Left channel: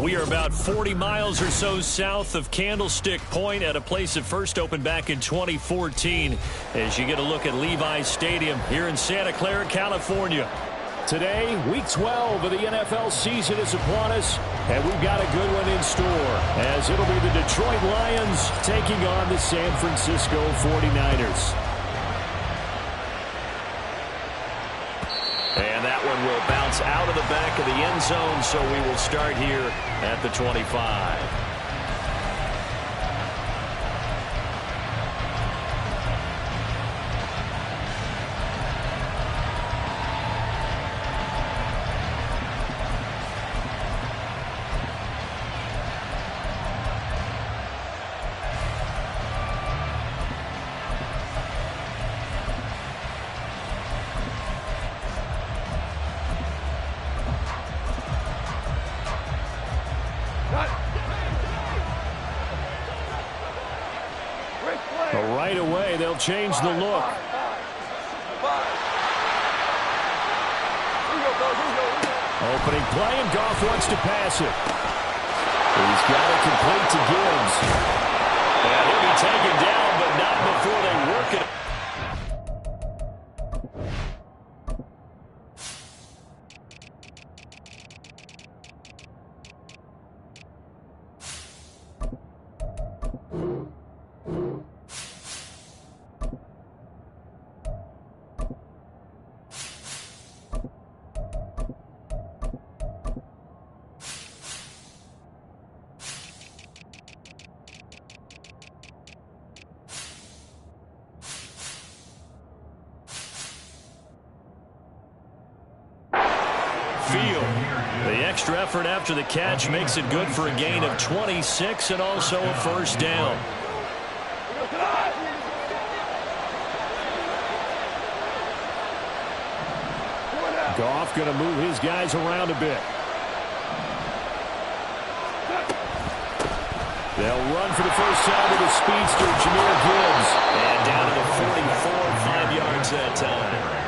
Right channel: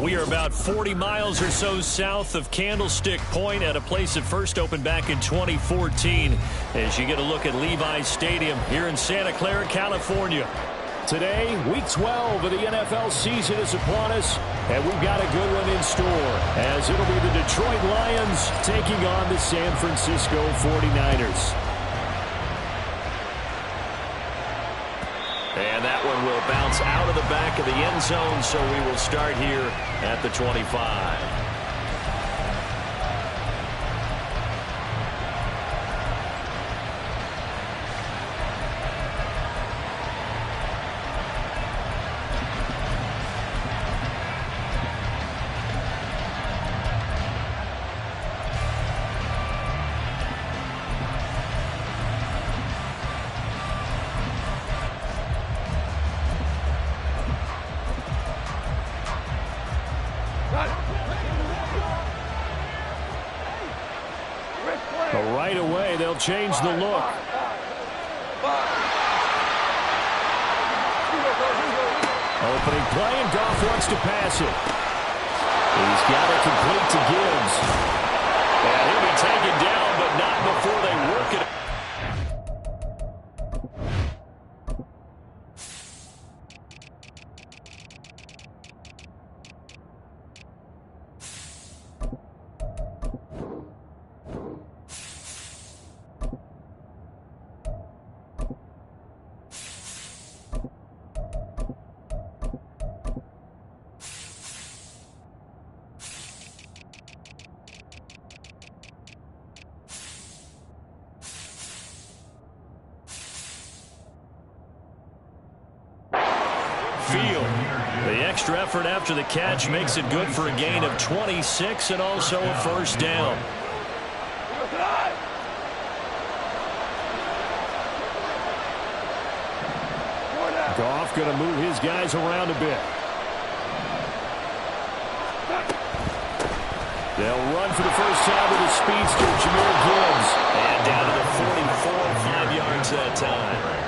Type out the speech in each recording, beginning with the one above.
We are about 40 miles or so south of Candlestick Point at a place that first opened back in 2014 as you get a look at Levi's Stadium here in Santa Clara, California. Today, Week 12 of the NFL season is upon us, and we've got a good one in store as it'll be the Detroit Lions taking on the San Francisco 49ers. And that one will bounce out of the back of the end zone, so we will start here at the 25. Right away, they'll change the look. Opening play, and Goff wants to pass it. He's got it complete to Gibbs. And he'll be taken down, but not before they work it. Field. The extra effort after the catch makes it good for a gain of 26 and also a first down. Goff going to move his guys around a bit. They'll run for the first time with a speedster, Jahmyr Gibbs. And down to the 44, 5 yards that time.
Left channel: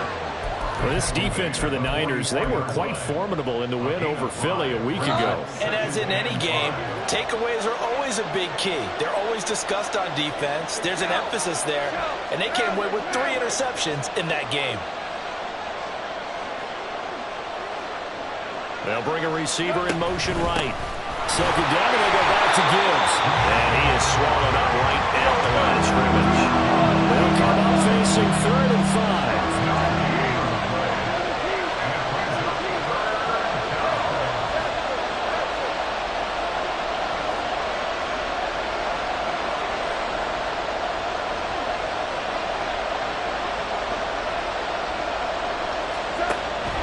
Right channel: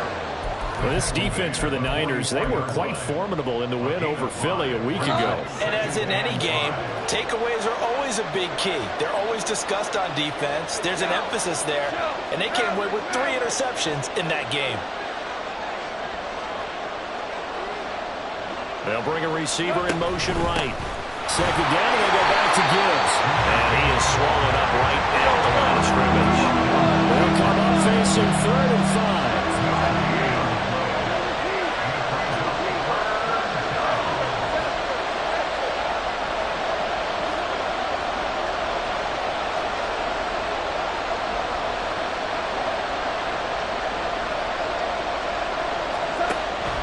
Well, this defense for the Niners, they were quite formidable in the win over Philly a week ago. And as in any game, takeaways are always a big key. They're always discussed on defense. There's an emphasis there, and they came away with 3 interceptions in that game. They'll bring a receiver in motion right. Second down, and they go back to Gibbs. And he is swallowed up right at the line of scrimmage. They'll come up facing 3rd and 5.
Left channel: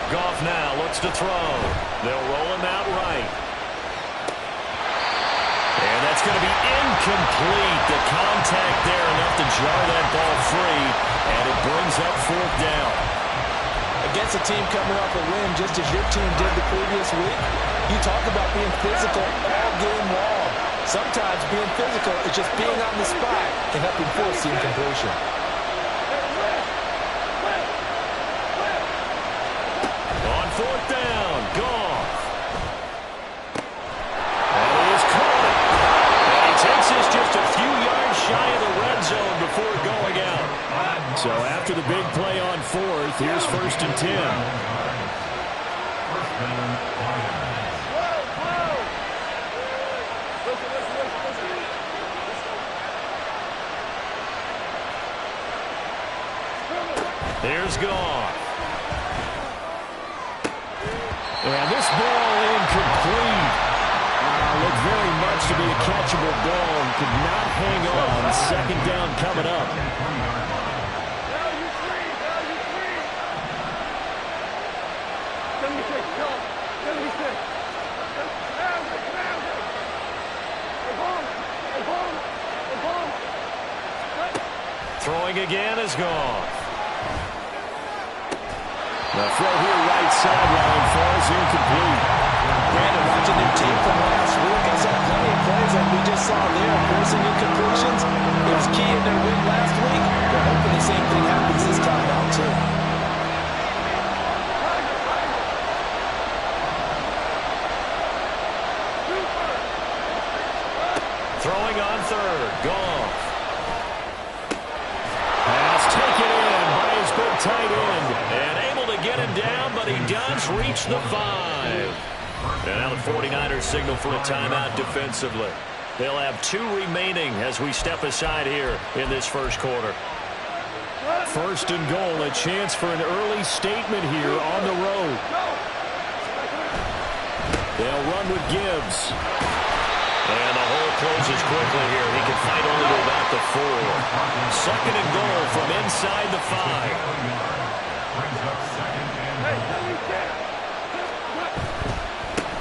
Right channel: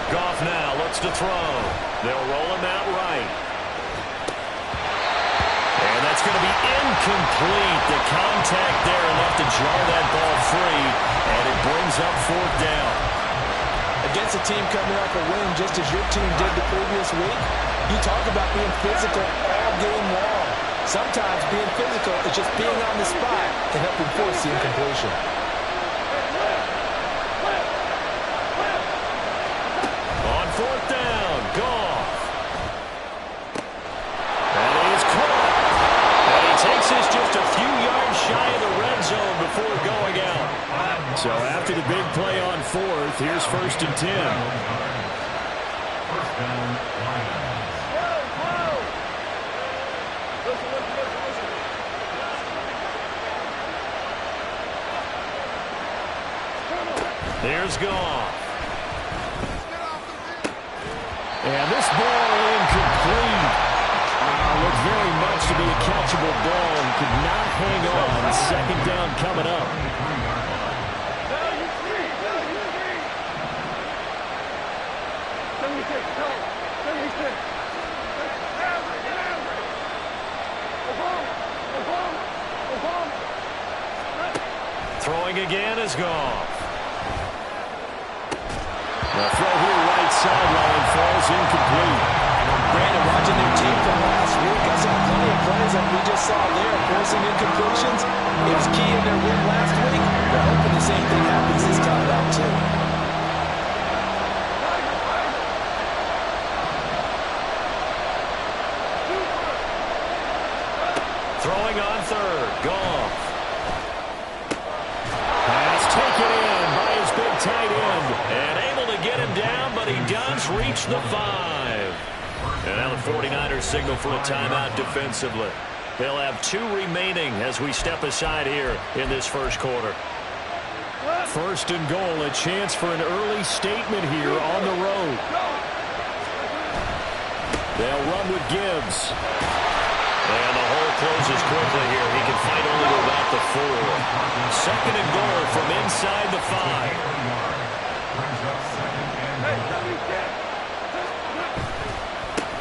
Goff now looks to throw. They'll roll him out right. And that's going to be incomplete. The contact there enough to jar that ball free, and it brings up 4th down. Against a team coming off a win just as your team did the previous week, you talk about being physical all game long. Sometimes being physical is just being on the spot and helping force the incompletion. On 4th down, Goff. And he is caught. And he takes this just a few yards shy of the red zone before going out. So after the big play on 4th, here's 1st and 10. Here's Goff. And this ball incomplete. Looked very much to be a catchable ball and could not hang on. 2nd down coming up. Throwing again is Goff. The throw here right sideline falls incomplete. Brandon, watching their tape from last week, I saw plenty of plays like we just saw there, forcing incompletions. It was key in their win last week. They're hoping the same thing happens this time out, too. third. Goff. Pass taken in by his big tight end. And able to get him down, but he does reach the 5. And now the 49ers signal for a timeout defensively. They'll have 2 remaining as we step aside here in this first quarter. First and goal, a chance for an early statement here on the road. They'll run with Gibbs. And the hole closes quickly here. He can fight only to about the 4. Second and goal from inside the 5.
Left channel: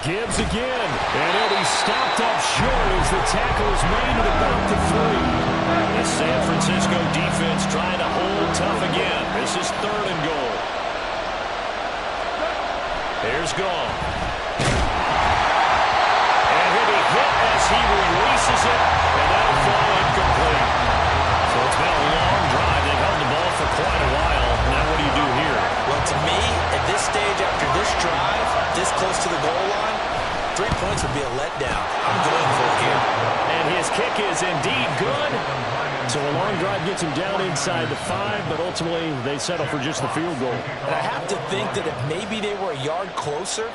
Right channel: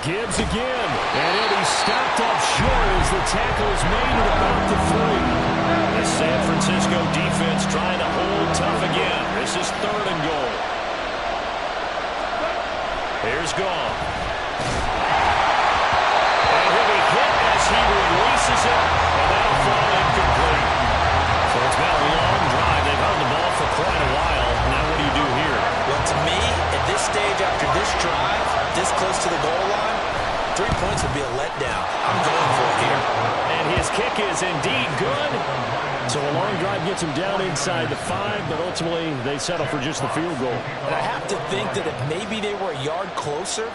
Gibbs again, and he'll be stopped up short as the tackle is made at about the 3. The San Francisco defense trying to hold tough again. This is third and goal. Here's Goff. And he'll be hit as he releases it, and that'll fall incomplete. So it's been a long drive. They've held the ball for quite a while. Now what do you do here? Well, to me, at this stage, after this drive, this close to the goal line, 3 points would be a letdown. I'm going for it here. And his kick is indeed good. So a long drive gets him down inside the 5, but ultimately they settle for just the field goal. And I have to think that if maybe they were a yard closer,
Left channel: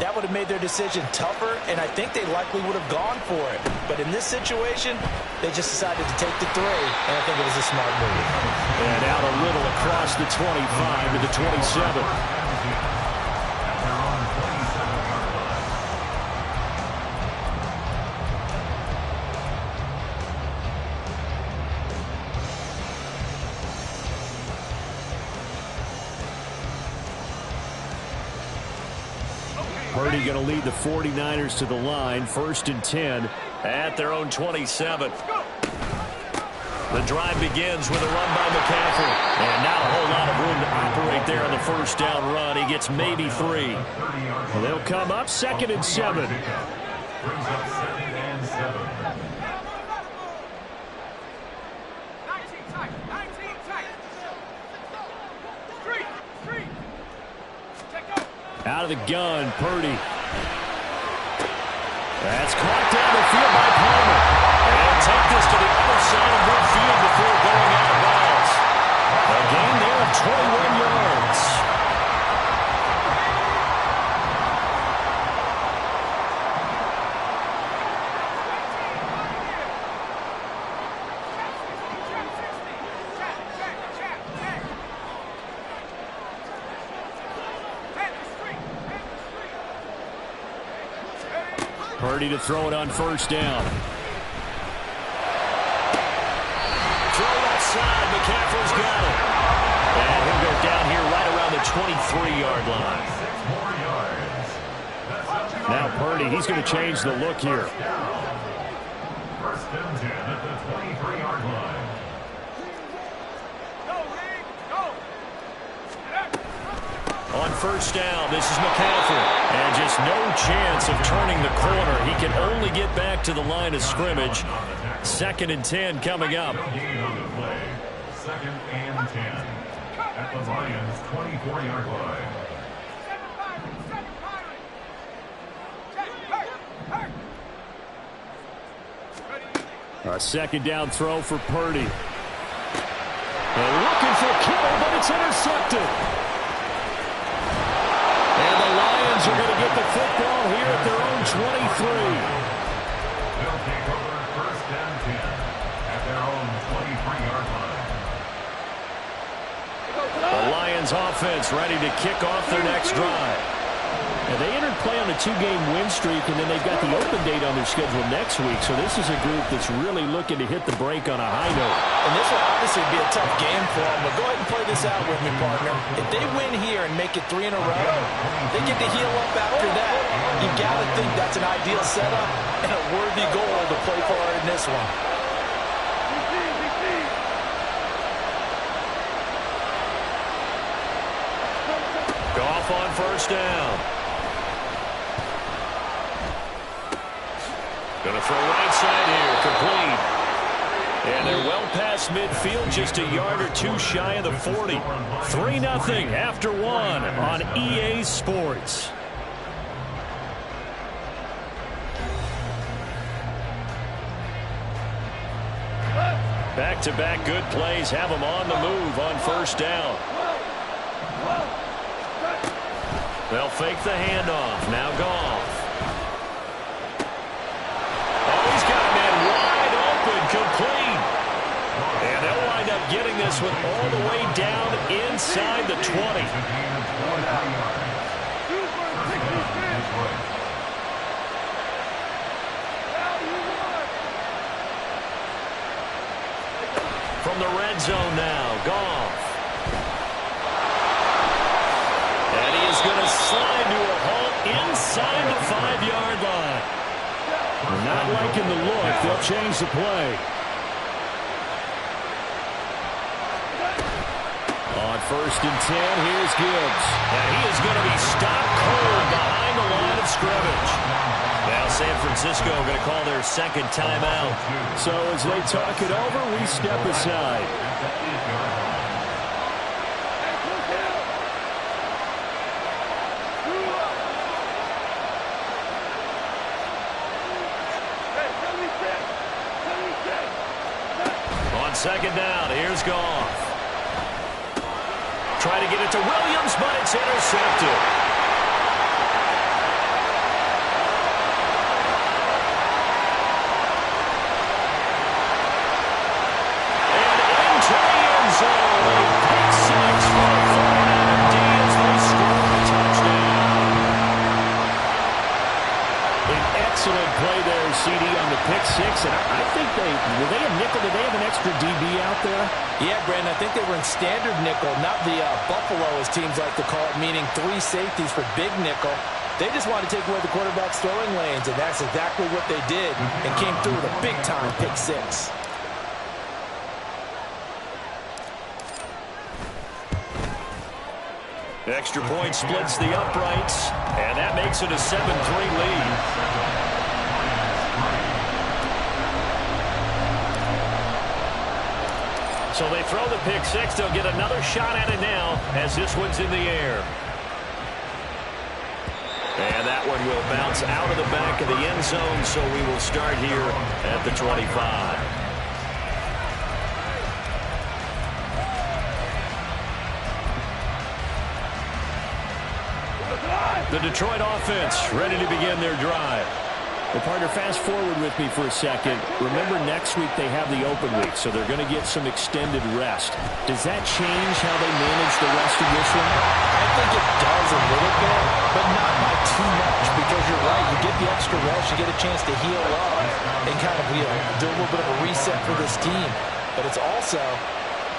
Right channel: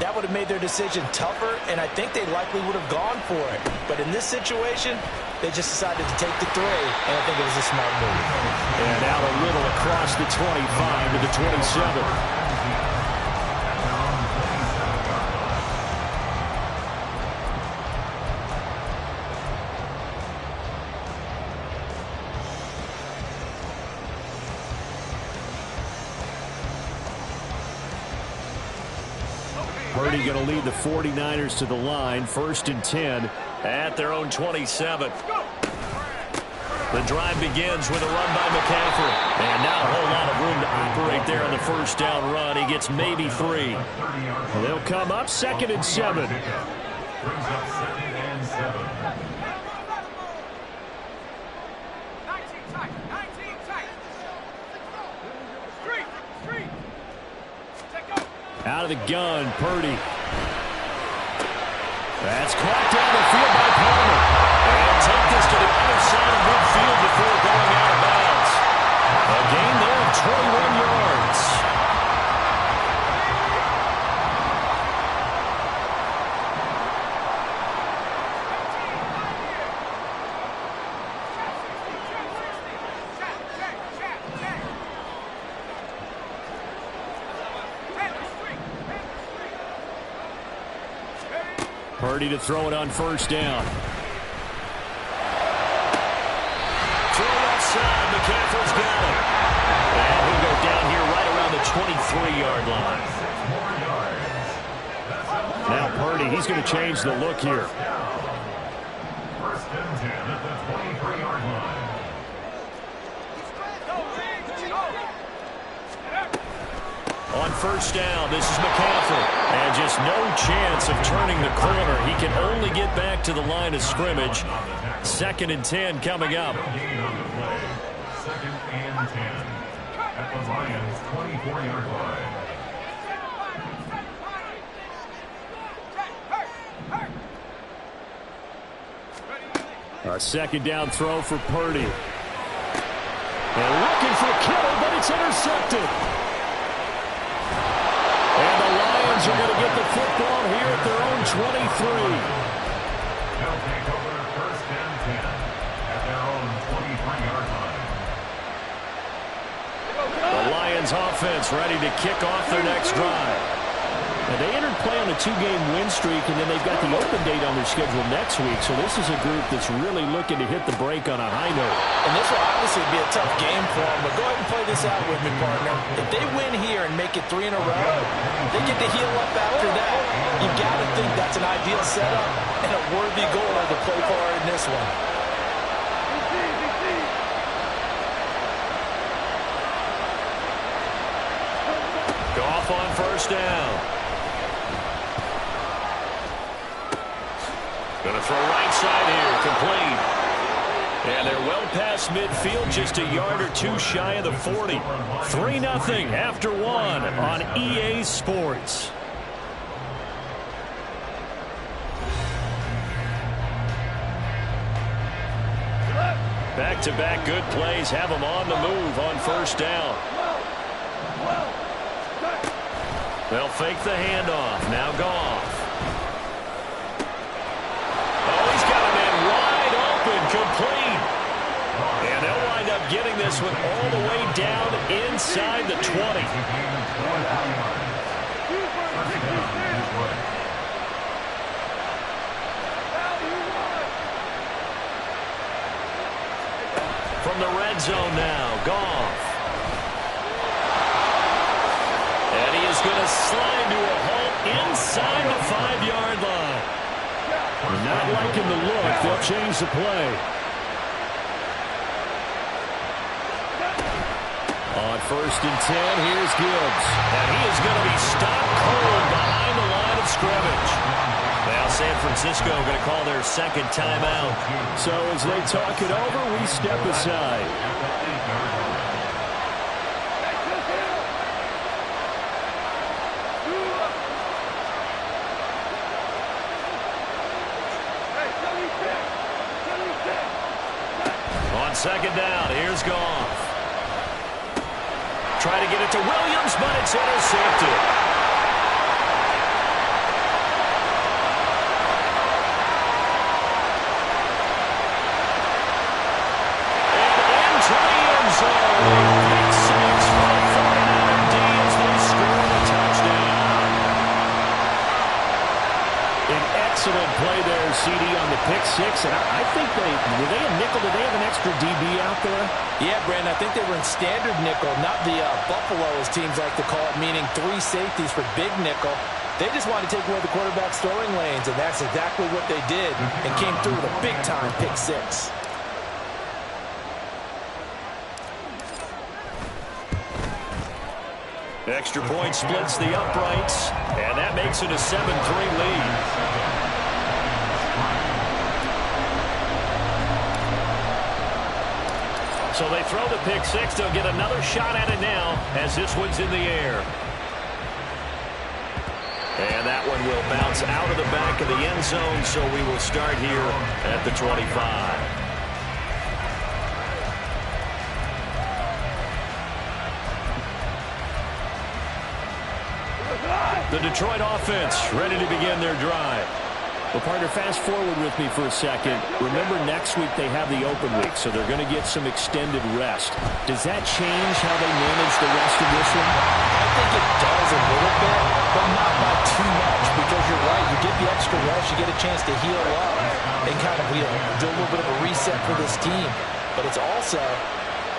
that would have made their decision tougher, and I think they likely would have gone for it. But in this situation, they just decided to take the 3, and I think it was a smart move. And out a little across the 25 to the 27. Purdy going to lead the 49ers to the line. First and 10 at their own 27. The drive begins with a run by McCaffrey. And not a whole lot of room to operate there on the first down run. He gets maybe 3. They'll come up second and 7. Brings up second and 7. 19 tight. Street. Out of the gun, Purdy. That's caught down the field by Palmer. And take this to the other side of midfield before going out of bounds. A gain there of 21 yards. Purdy to throw it on first down. Throw left side. McCaffrey's got it. And he'll go down here right around the 23-yard line. Now Purdy, he's going to change the look here. First and 10 at the 23-yard line. On first down, this is McCaffrey. And just no chance of turning the corner. He can only get back to the line of scrimmage. Second and 10 coming up. Second and 10 at the Lions' 24-yard line. A second down throw for Purdy. And looking for Kittle, but it's intercepted. And the Lions are going to get the football here at their own 23. They'll take over first and 10 at their own 23-yard line. The Lions offense ready to kick off their next drive. Now they entered play on a 2-game win streak, and then they've got the open date on their schedule next week. So this is a group that's really looking to hit the break on a high note. And this will obviously be a tough game for them, but go ahead and play this out with me, partner. If they win here and make it 3 in a row, they get to heal up after that. You've got to think that's an ideal setup and a worthy goal to play for in this one. Goff on first down. Going to throw right side here, complete. And they're well past midfield, just a yard or two shy of the 40. 3-0 after 1 on EA Sports. Back-to-back good plays have them on the move on first down. They'll fake the handoff. Now Goff. Oh, he's got a man wide open, complete. And they'll wind up getting this one all the way down inside the 20. From the red zone now, Goff. And he is going to slide to a halt inside the 5-yard line. Not liking the look. They'll change the play. On first and 10, here's Gibbs. And he is going to be stopped cold behind the line of scrimmage. Now San Francisco going to call their second timeout. So as they talk it over, we step aside. On second down, here's Goff. Try to get it to Williams, but it's intercepted. And into the end zone. Pick six for the 49er D as they score a touchdown. An excellent play there, CD, on the pick six. And I think were they a nickel? Did they have an extra DB out there? Yeah, Brandon, I think they were in standard nickel, not the Buffalo, as teams like to call it, meaning 3 safeties for big nickel. They just wanted to take away the quarterback's throwing lanes, and that's exactly what they did, and came through with a big-time pick six. Extra point splits the uprights, and that makes it a 7-3 lead. So they throw the pick six. They'll get another shot at it now as this one's in the air. And that one will bounce out of the back of the end zone, so we will start here at the 25. The Detroit offense ready to begin their drive. Well, partner, fast forward with me for a second. Remember, next week they have the open week, so they're going to get some extended rest. Does that change how they manage the rest of this one? I think it does a little bit, but not by too much, because you're right. You get the extra rest, you get a chance to heal up and kind of do a little bit of a reset for this team. But it's also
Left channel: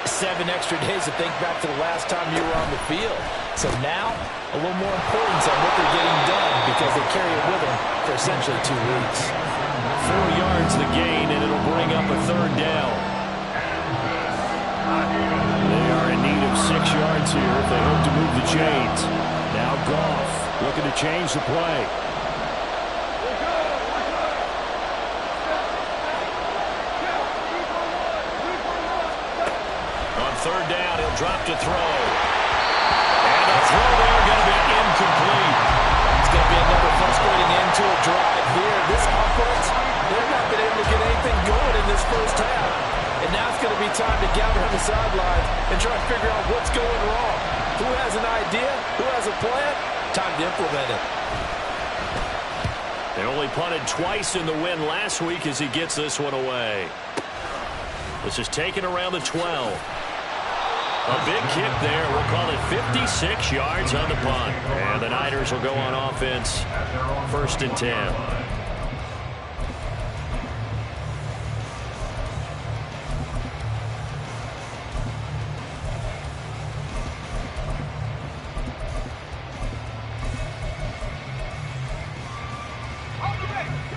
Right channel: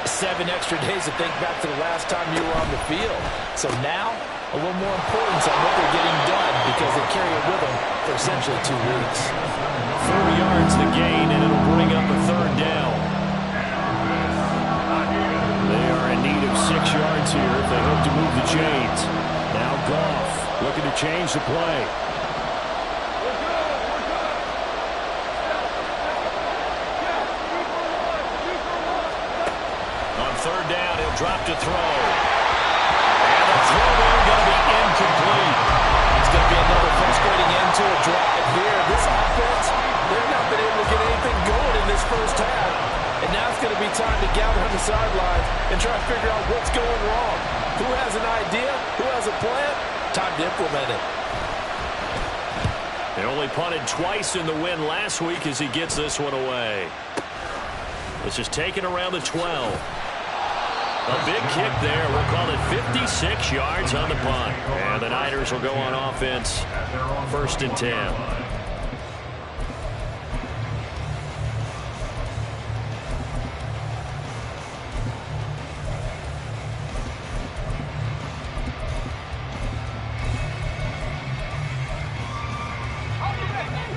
7 extra days to think back to the last time you were on the field. So now, a little more importance on what they're getting done because they carry it with them for essentially 2 weeks. 4 yards the gain, and it'll bring up a third down. They are in need of 6 yards here if they hope to move the chains. Now Goff looking to change the play. On third down, he'll drop to throw. And the throw there going to be incomplete. It's going to be another frustrating end to a drive here. This offense, they've not been able to get anything going in this first half. And now it's going to be time to gather on the sidelines and try to figure out what's going wrong. Who has an idea? Who has a plan? Time to implement it. They only punted twice in the win last week as he gets this one away. This is taken around the 12. A big kick there. We'll call it 56 yards on the punt. And the Niners will go on offense. First and 10.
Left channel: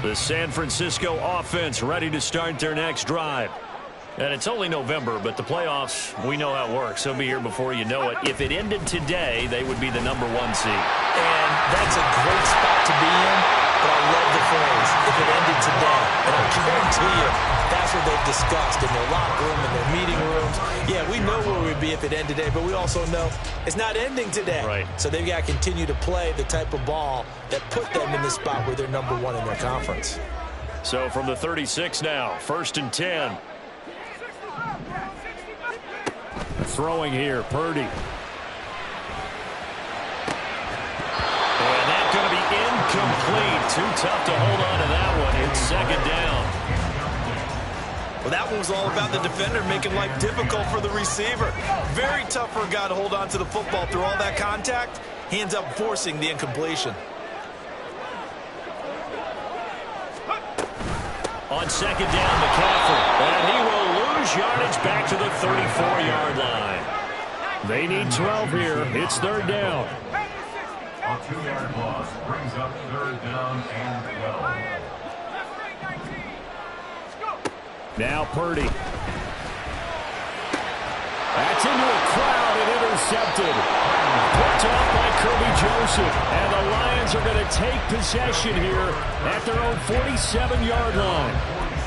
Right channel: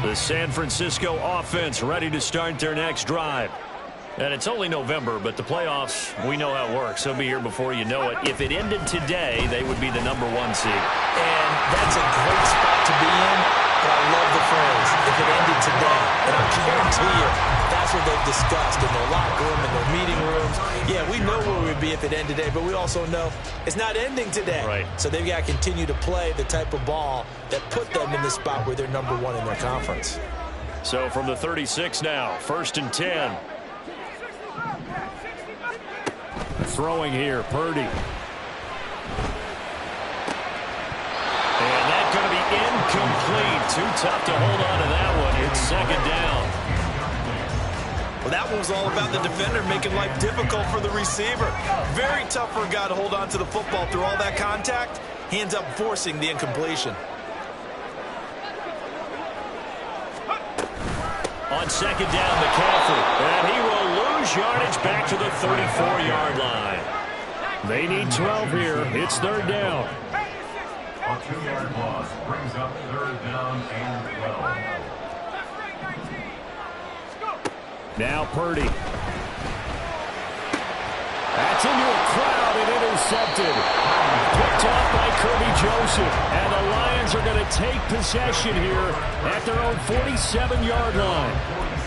The San Francisco offense ready to start their next drive. And it's only November, but the playoffs, we know how it works. They'll be here before you know it. If it ended today, they would be the #1 seed. And that's a great spot to be in, but I love the phrase, if it ended today. And I guarantee you, that's what they've discussed in their locker room, in their meeting rooms. Yeah, we know where we'd be if it ended today, but we also know it's not ending today. Right. So they've got to continue to play the type of ball that put them in the spot where they're #1 in their conference. So from the 36 now, first and 10. Throwing here, Purdy. And that's going to be incomplete. Too tough to hold on to that one. It's second down. Well, that one was all about the defender making life difficult for the receiver. Very tough for a guy to hold on to the football through all that contact. Hands up, forcing the incompletion. On second down, McCaffrey. And he will lose yardage back to the 34-yard line. They need 12 here. It's third down. A 2-yard loss brings up third down and 12. Now Purdy. That's into a crowd and intercepted. Picked off by Kirby Joseph. And the Lions are going to take possession here at their own 47-yard line.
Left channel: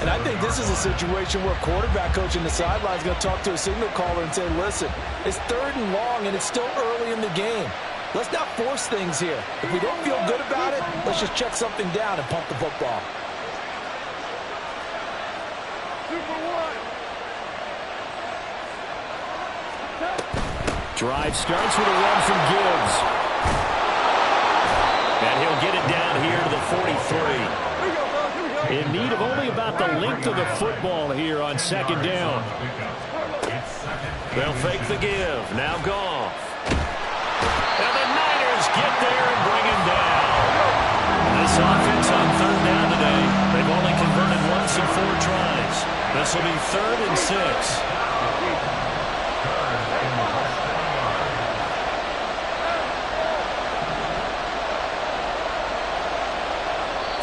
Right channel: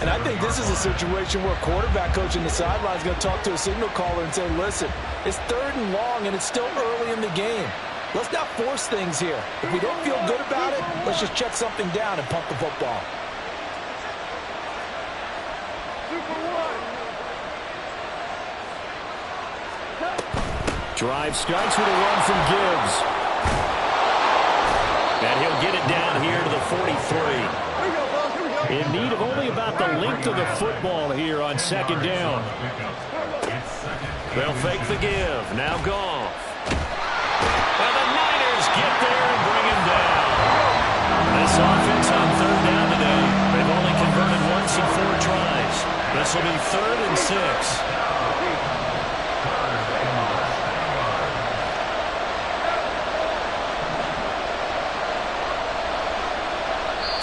And I think this is a situation where a quarterback coach in the sideline is going to talk to a signal caller and say, listen, it's third and long and it's still early in the game. Let's not force things here. If we don't feel good about it, let's just check something down and punt the football. Drive starts with a run from Gibbs. And he'll get it down here to the 43. In need of only about the length of the football here on second down. They'll fake the give. Now Goff. And the Niners get there and bring him down. This offense on third down today, they've only converted once in 4 tries. This will be 3rd and 6.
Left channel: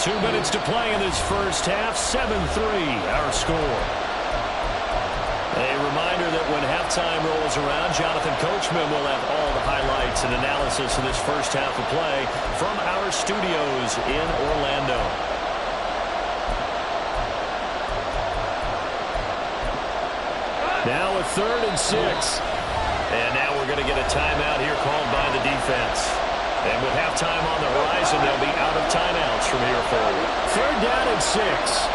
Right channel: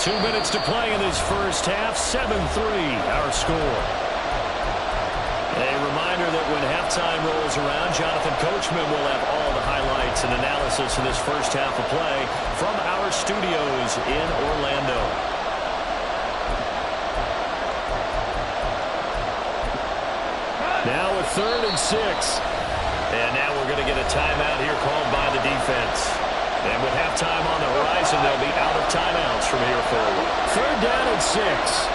2 minutes to play in this first half. 7-3 our score. A reminder that when halftime rolls around, Jonathan Coachman will have all the highlights and analysis of this first half of play from our studios in Orlando. Now a 3rd and 6. And now we're going to get a timeout here called by the defense. And with halftime on the horizon, they'll be out of timeouts from here forward. 3rd down and 6.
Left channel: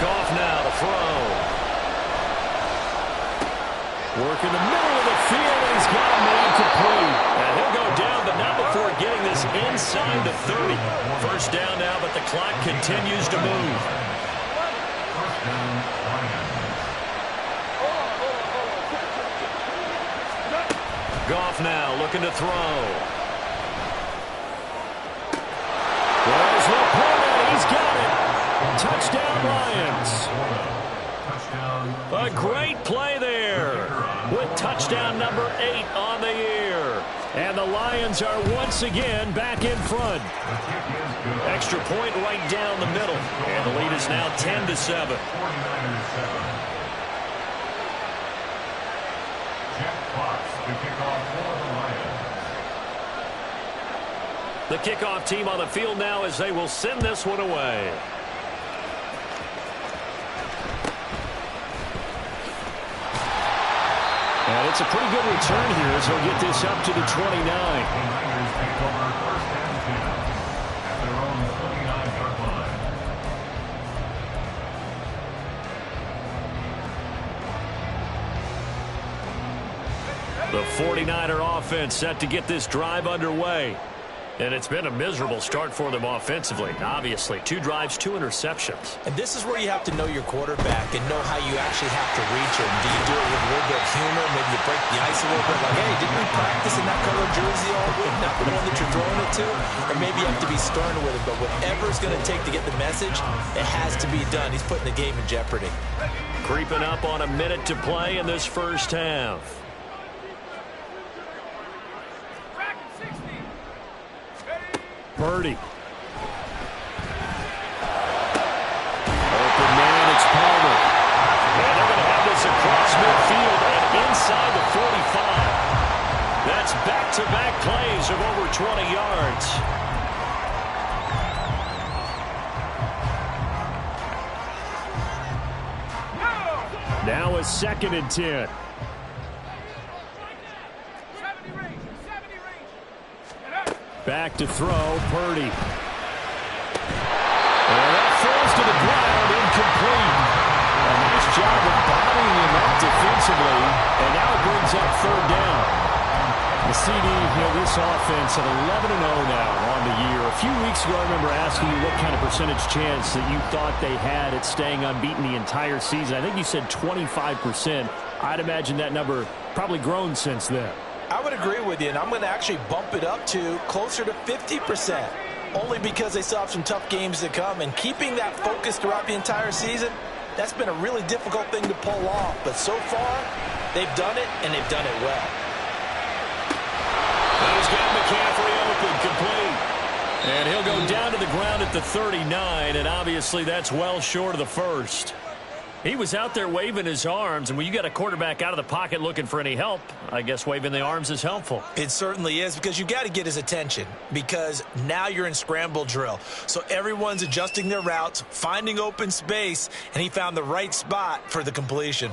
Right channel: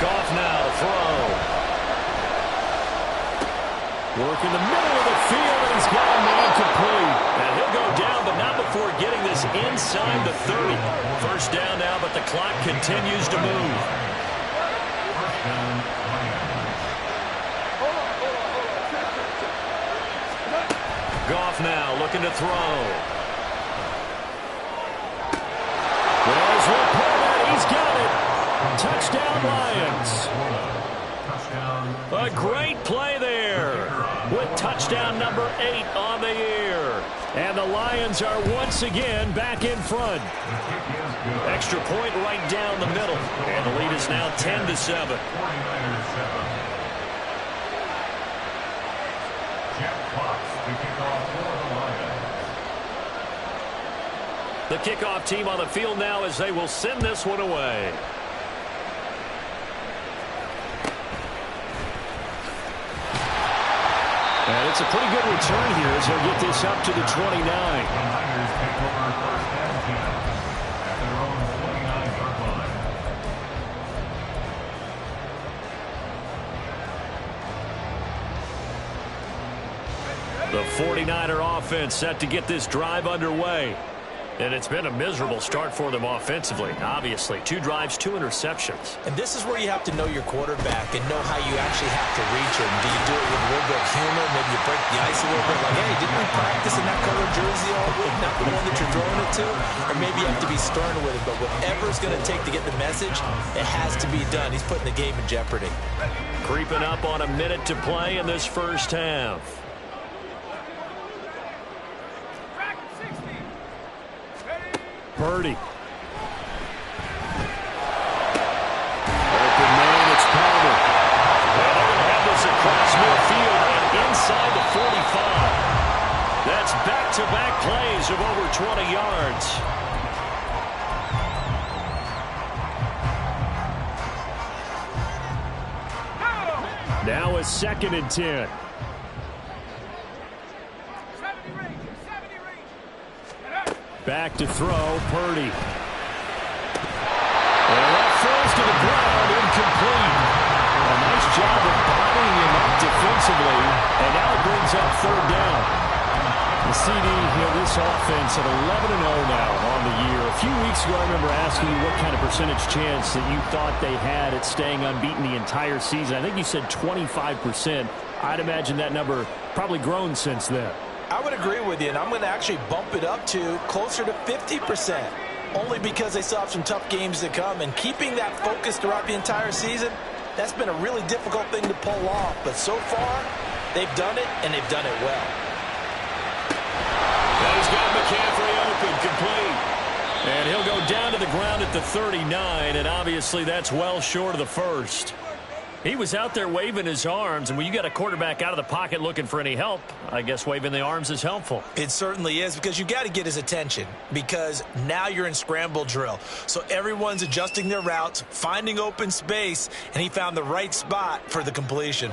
Goff now to throw. Work in the middle of the field, and he's got a man complete. And he'll go down, but not before getting this inside the 30. First down now, but the clock continues to move. First down, Goff now looking to throw. There's Laporta. He's got it. Touchdown, Lions. A great play there with touchdown number 8 on the year. And the Lions are once again back in front. Extra point right down the middle. And the lead is now 10-7. 49ers 7. Jack Fox to kick off for the Lions. The kickoff team on the field now as they will send this one away. And it's a pretty good return here as he'll get this up to the 29. The Niners take over first and 10 at their own 29-yard line. The 49er offense set to get this drive underway. And it's been a miserable start for them offensively. Obviously, 2 drives, 2 interceptions. And this is where you have to know your quarterback and know how you actually have to reach him. Do you do it with a little bit of humor? Maybe you break the ice a little bit. Like, hey, didn't we practice in that color jersey all week? Not the one that you're throwing it to? Or maybe you have to be stern with him. But whatever it's going to take to get the message, it has to be done. He's putting the game in jeopardy. Creeping up on a minute to play in this first half. Purdy. Open man, it's Palmer. And they're going to have this across midfield and inside the 45. That's back-to-back plays of over 20 yards. Now a 2nd and 10. Back to throw, Purdy. And that falls to the ground, incomplete. A nice job of bodying him up defensively, and now it brings up third down. The CD, this offense at 11-0 now on the year. A few weeks ago, I remember asking you what kind of percentage chance that you thought they had at staying unbeaten the entire season. I think you said 25%. I'd imagine that number probably grown since then. I would agree with you, and I'm going to actually bump it up to closer to 50%. Only because they still have some tough games to come, and keeping that focus throughout the entire season, that's been a really difficult thing to pull off. But so far, they've done it, and they've done it well. And he's got McCaffrey open, complete. And he'll go down to the ground at the 39, and obviously that's well short of the first. He was out there waving his arms, and when you got a quarterback out of the pocket looking for any help, I guess waving the arms is helpful. It certainly is, because you got to get his attention, because now you're in scramble drill. So everyone's adjusting their routes, finding open space, and he found the right spot for the completion.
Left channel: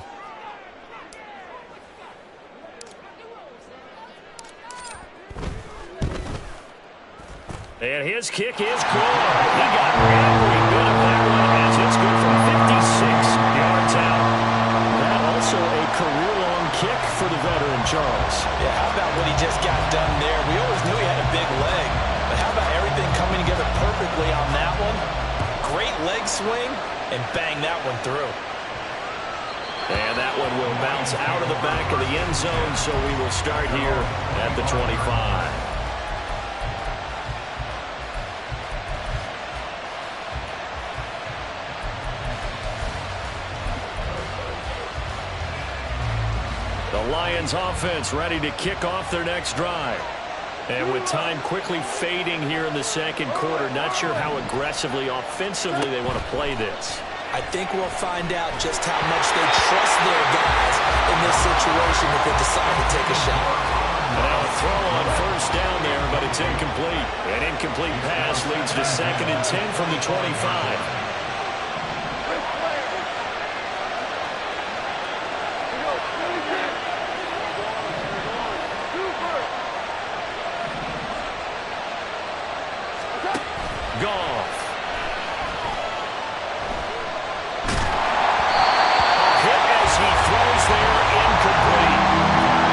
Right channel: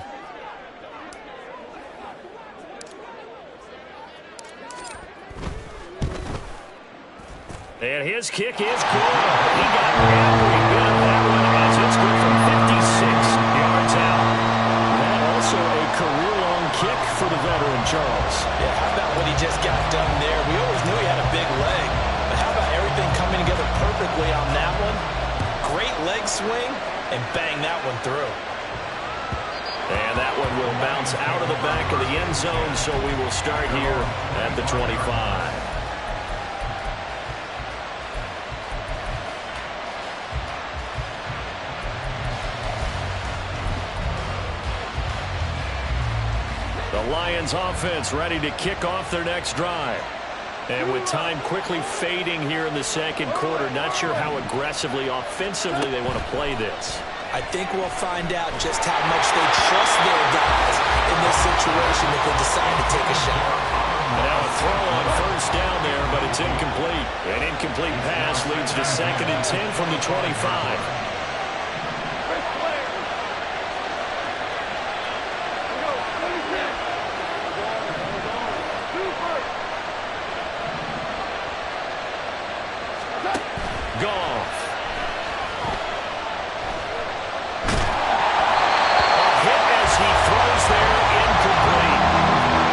And his kick is good. He got every bit of that one as it's good from 56 yards out. That also a career-long kick for the veteran, Charles. Yeah, how about what he just got done there? We always knew he had a big leg, but how about everything coming together perfectly on that one? Great leg swing, and bang that one through. And that one will bounce out of the back of the end zone, so we will start here at the 25. The Lions offense ready to kick off their next drive. And with time quickly fading here in the second quarter, not sure how aggressively, offensively they want to play this. I think we'll find out just how much they trust their guys in this situation if they decide to take a shot. Now a throw on first down there, but it's incomplete. An incomplete pass leads to 2nd and 10 from the 25. Goff. A hit as he throws there, incomplete.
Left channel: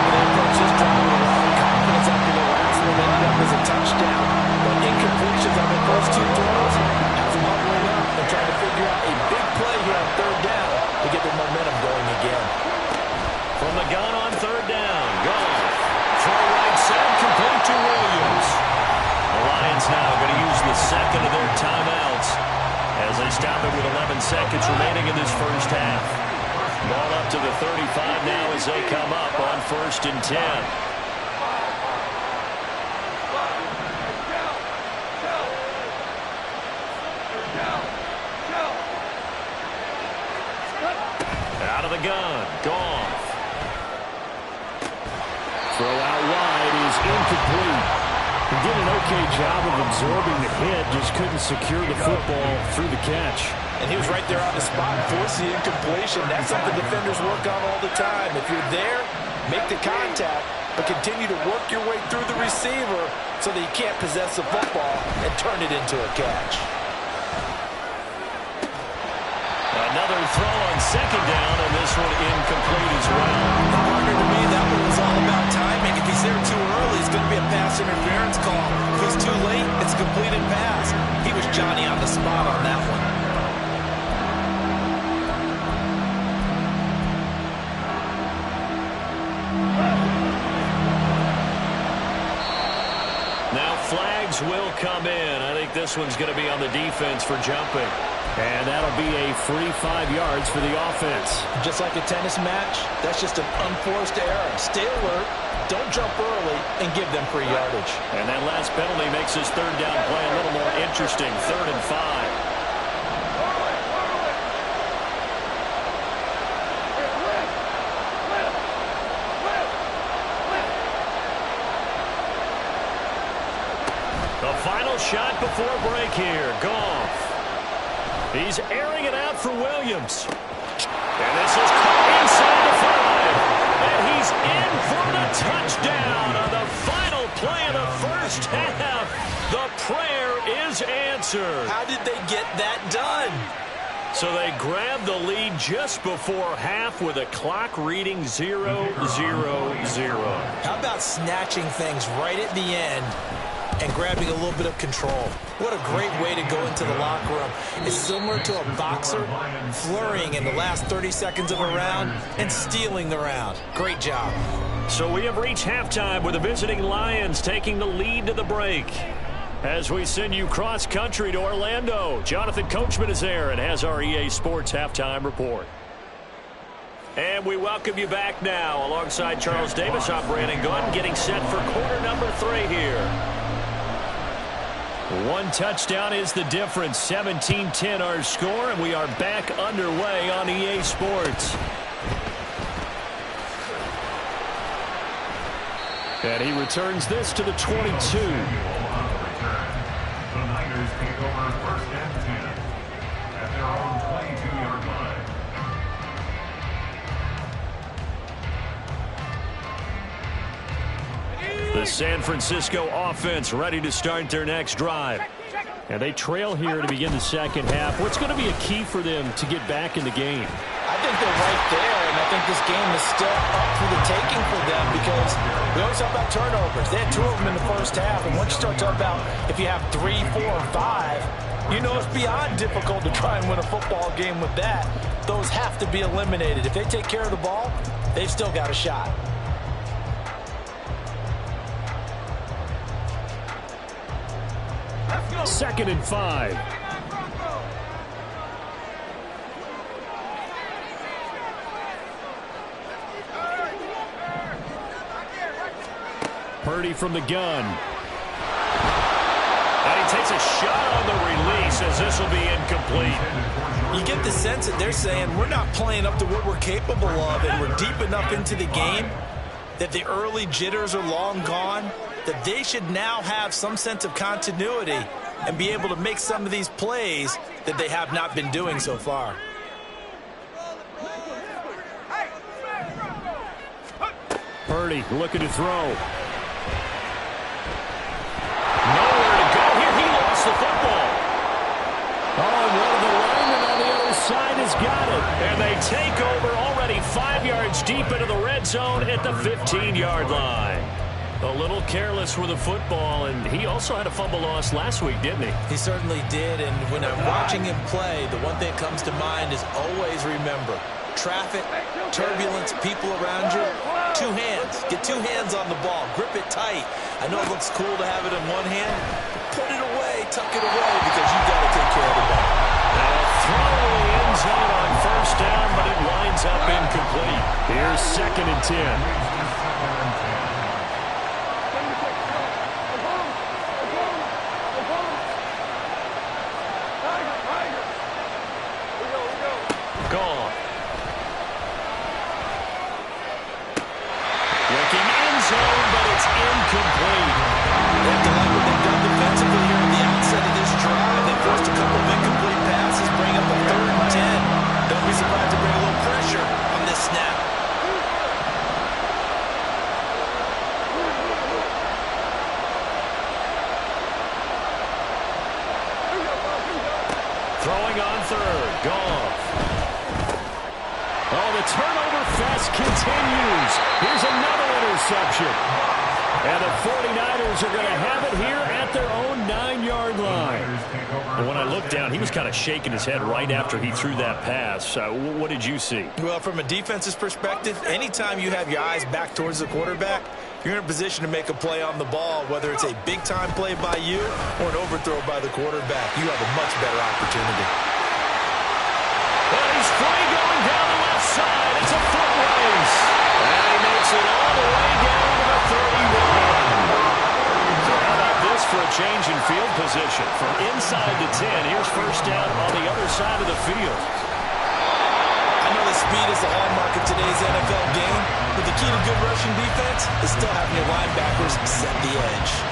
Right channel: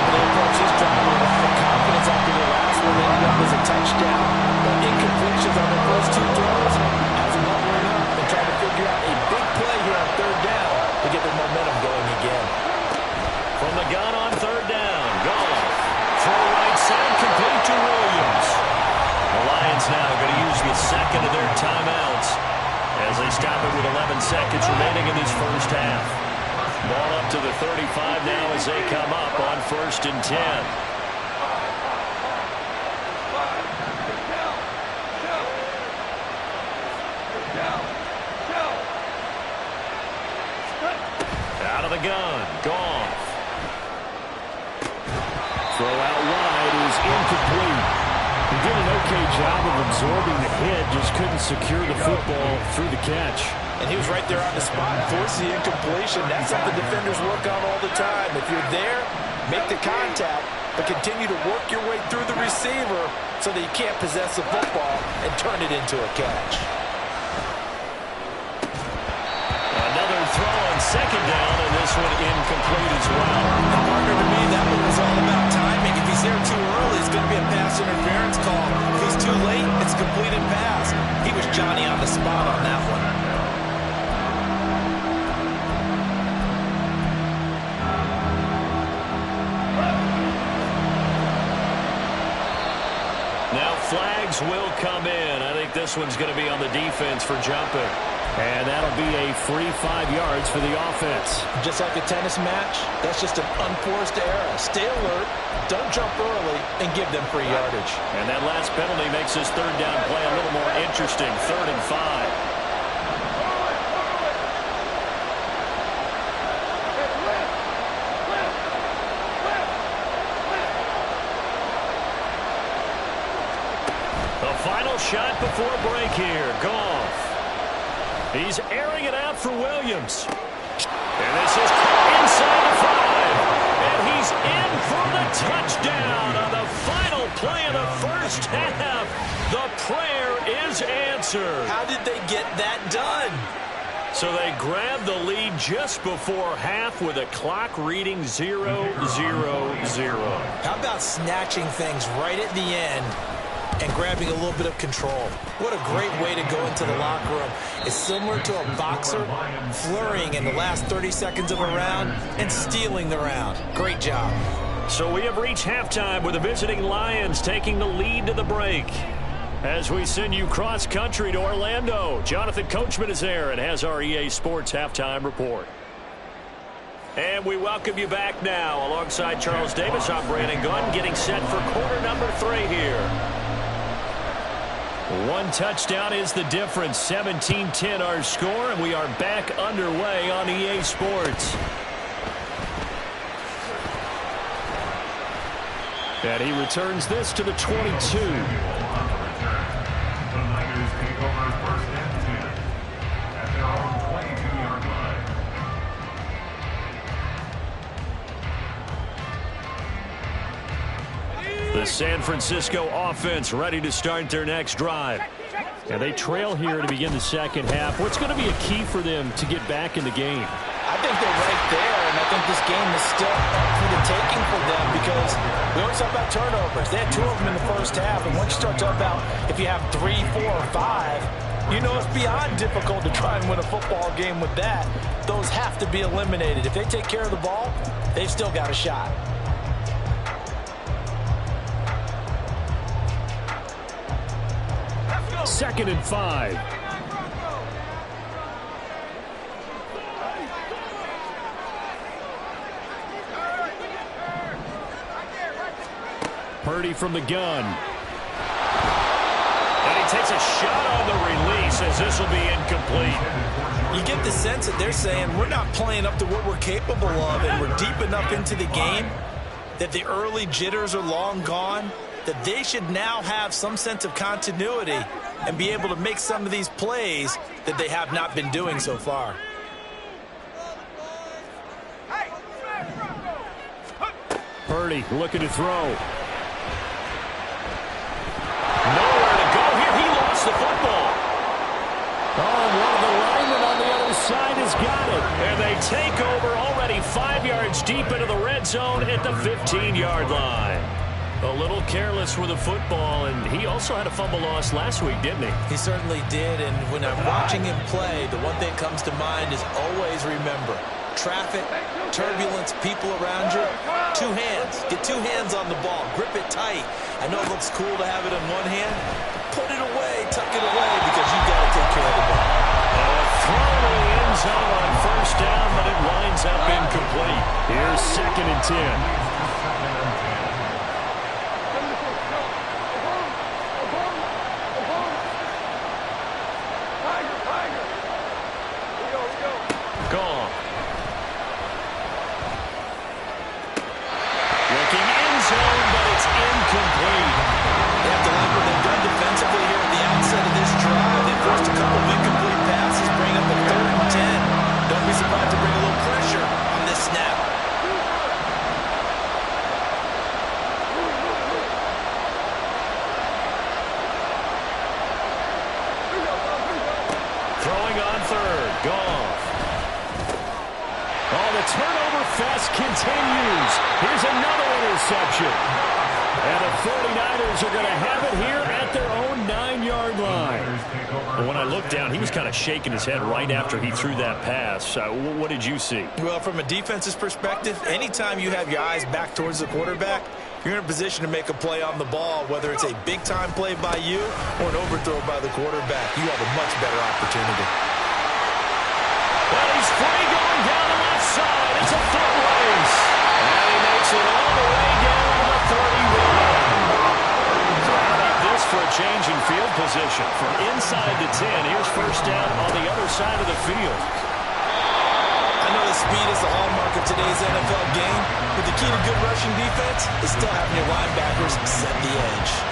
They approach this drive with a lot of confidence after the last one ended up as a touchdown. But incompletions on the first two throws has them hovering up and trying to figure out a big play here on third down to get their momentum going again. From the gun on third down, Goff. Throw right side, complete to Williams. The Lions now going to use the second of their timeouts as they stop it with 11 seconds remaining in this first half. Ball up to the 35 now as they come up on 1st and 10. Out of the gun, Goff. Throw out wide is incomplete. He did an okay job of absorbing the hit, just couldn't secure the football through the catch. And he was right there on the spot, forced the incompletion. That's something defenders work on all the time. If you're there, make the contact, but continue to work your way through the receiver so that you can't possess the football and turn it into a catch. Another throw on 2nd down, and this one incomplete as well. Partner, to me, that one was all about timing. If he's there too early, it's going to be a pass interference call. If he's too late, it's a completed pass. He was Johnny on the spot on that one. Now flags will come in. I think this one's going to be on the defense for jumping. And that'll be a free 5 yards for the offense. Just like a tennis match, that's just an unforced error. Stay alert, don't jump early, and give them free yardage. And that last penalty makes this third down play a little more interesting. 3rd and 5. The final shot before break here. Goff. He's airing it out for Williams. And this is caught inside the 5. And he's in for the touchdown on the final play of the first half. The prayer is answered. How did they get that done? So they grabbed the lead just before half with a clock reading 0-0-0. How about snatching things right at the end and grabbing a little bit of control? What a great way to go into the locker room. It's similar to a boxer flurrying in the last 30 seconds of a round and stealing the round. Great job. So we have reached halftime with the visiting Lions taking the lead to the break. As we send you cross-country to Orlando, Jonathan Coachman is there and has our EA Sports Halftime Report. And we welcome you back now. Alongside Charles Davis, I'm Brandon Gunn, getting set for quarter number 3 here. One touchdown is the difference. 17-10 our score, and we are back underway on EA Sports. And he returns this to the 22. The Niners take over first and 10 at their own 22-yard line. The San Francisco offense ready to start their next drive. And they trail here to begin the second half. What's going to be a key for them to get back in the game? I think they're right there, and I think this game is still up for the taking for them because we always talk about turnovers. They had 2 of them in the first half, and once you start talking about if you have 3, 4, or 5, you know it's beyond difficult to try and win a football game with that. Those have to be eliminated. If they take care of the ball, they've still got a shot. Second and 5. Purdy from the gun. And he takes a shot on the release as this will be incomplete. You get the sense that they're saying we're not playing up to what we're capable of, and we're deep enough into the game that the early jitters are long gone, that they should now have some sense of continuity and be able to make some of these plays that they have not been doing so far. Purdy looking to throw. Nowhere to go here. He lost the football. Oh, one of the linemen on the other side has got it. And they take over already 5 yards deep into the red zone at the 15-yard line. A little careless with the football, and he also had a fumble loss last week, didn't he? He certainly did, and when I'm watching him play, the one thing that comes to mind is always remember, traffic, turbulence, people around you, 2 hands. Get 2 hands on the ball. Grip it tight. I know it looks cool to have it in one hand, but put it away, tuck it away, because you've got to take care of the ball. Now a throw to the end zone on first down, but it winds up incomplete. Here's second and 10. Gone. Looking end zone, but it's incomplete. They have to like what they've done defensively here at the outset of this drive. They forced a couple of incomplete passes, bring up a 3rd and 10. Don't be surprised to bring a little pressure on this snap. Throwing on 3rd. Goff. Oh, the turnover fest continues. Here's another interception. And the 49ers are going to have it here at their own 9-yard line. And when I looked down, he was kind of shaking his head right after he threw that pass. What did you see? Well, from a defense's perspective, anytime you have your eyes back towards the quarterback, you're in a position to make a play on the ball, whether it's a big-time play by you or an overthrow by the quarterback. You have a much better opportunity. Well, he's free going down the left side. It's a foot race. And he makes it all the way down to the 31. So how about this for a change in field position? From inside the 10, here's first down on the other side of the field. I know that speed is the hallmark of today's NFL game, but the key to good rushing defense is still having your linebackers set the edge.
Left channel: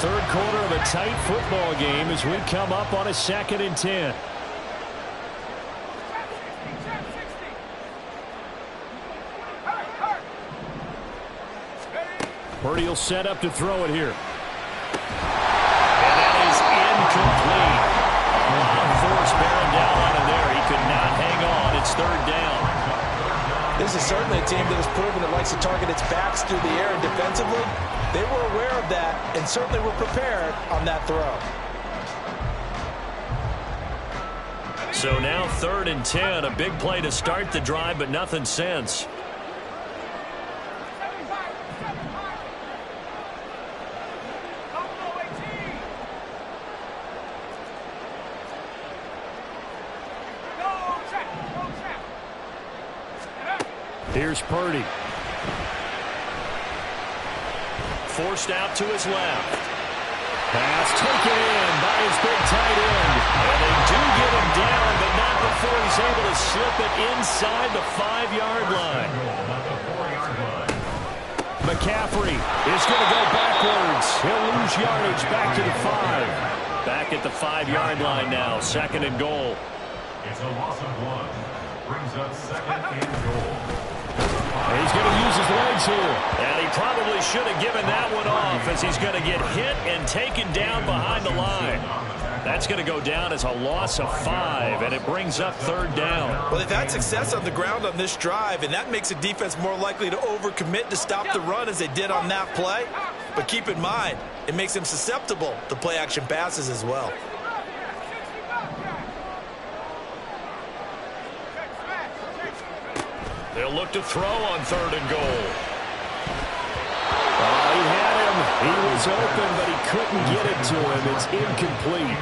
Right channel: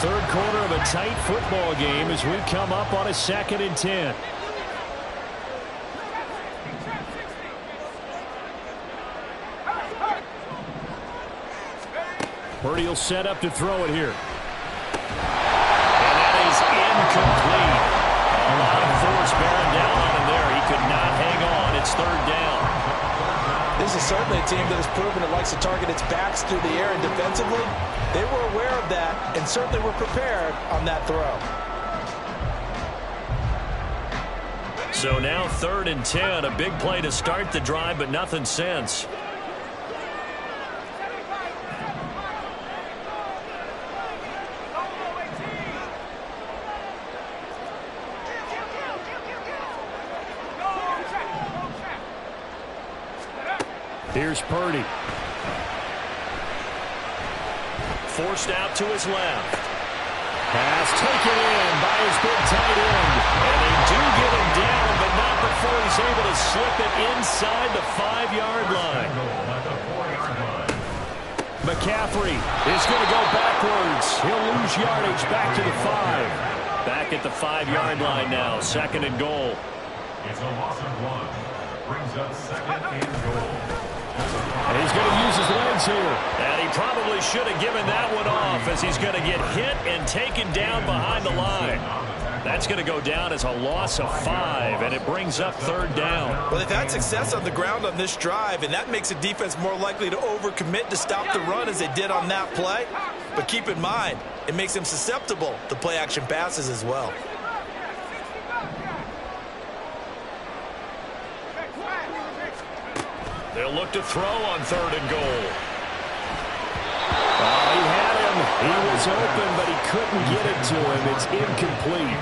Third quarter of a tight football game as we come up on a 2nd and 10. Purdy will set up to throw it here. And that is incomplete. A lot of force bearing down on him there. He could not hang on. It's 3rd down. This is certainly a team that has proven it likes to target its backs through the air, and defensively, they were aware of that and certainly were prepared on that throw. So now 3rd and 10. A big play to start the drive, but nothing since. Here's Purdy. Forced out to his left. Pass taken in by his big tight end. And they do get him down, but not before he's able to slip it inside the 5-yard line. McCaffrey is going to go backwards. He'll lose yardage back to the 5. Back at the 5-yard line now. 2nd and goal. It's a loss of 1. Brings up 2nd and goal. And he's going to use his legs here. And he probably should have given that one off, as he's going to get hit and taken down behind the line. That's going to go down as a loss of 5, and it brings up 3rd down. Well, they've had success on the ground on this drive, and that makes the defense more likely to overcommit to stop the run as they did on that play. But keep in mind, it makes them susceptible to play-action passes as well. They'll look to throw on 3rd and goal. Oh, he had him. He was open, but he couldn't get it to him. It's incomplete.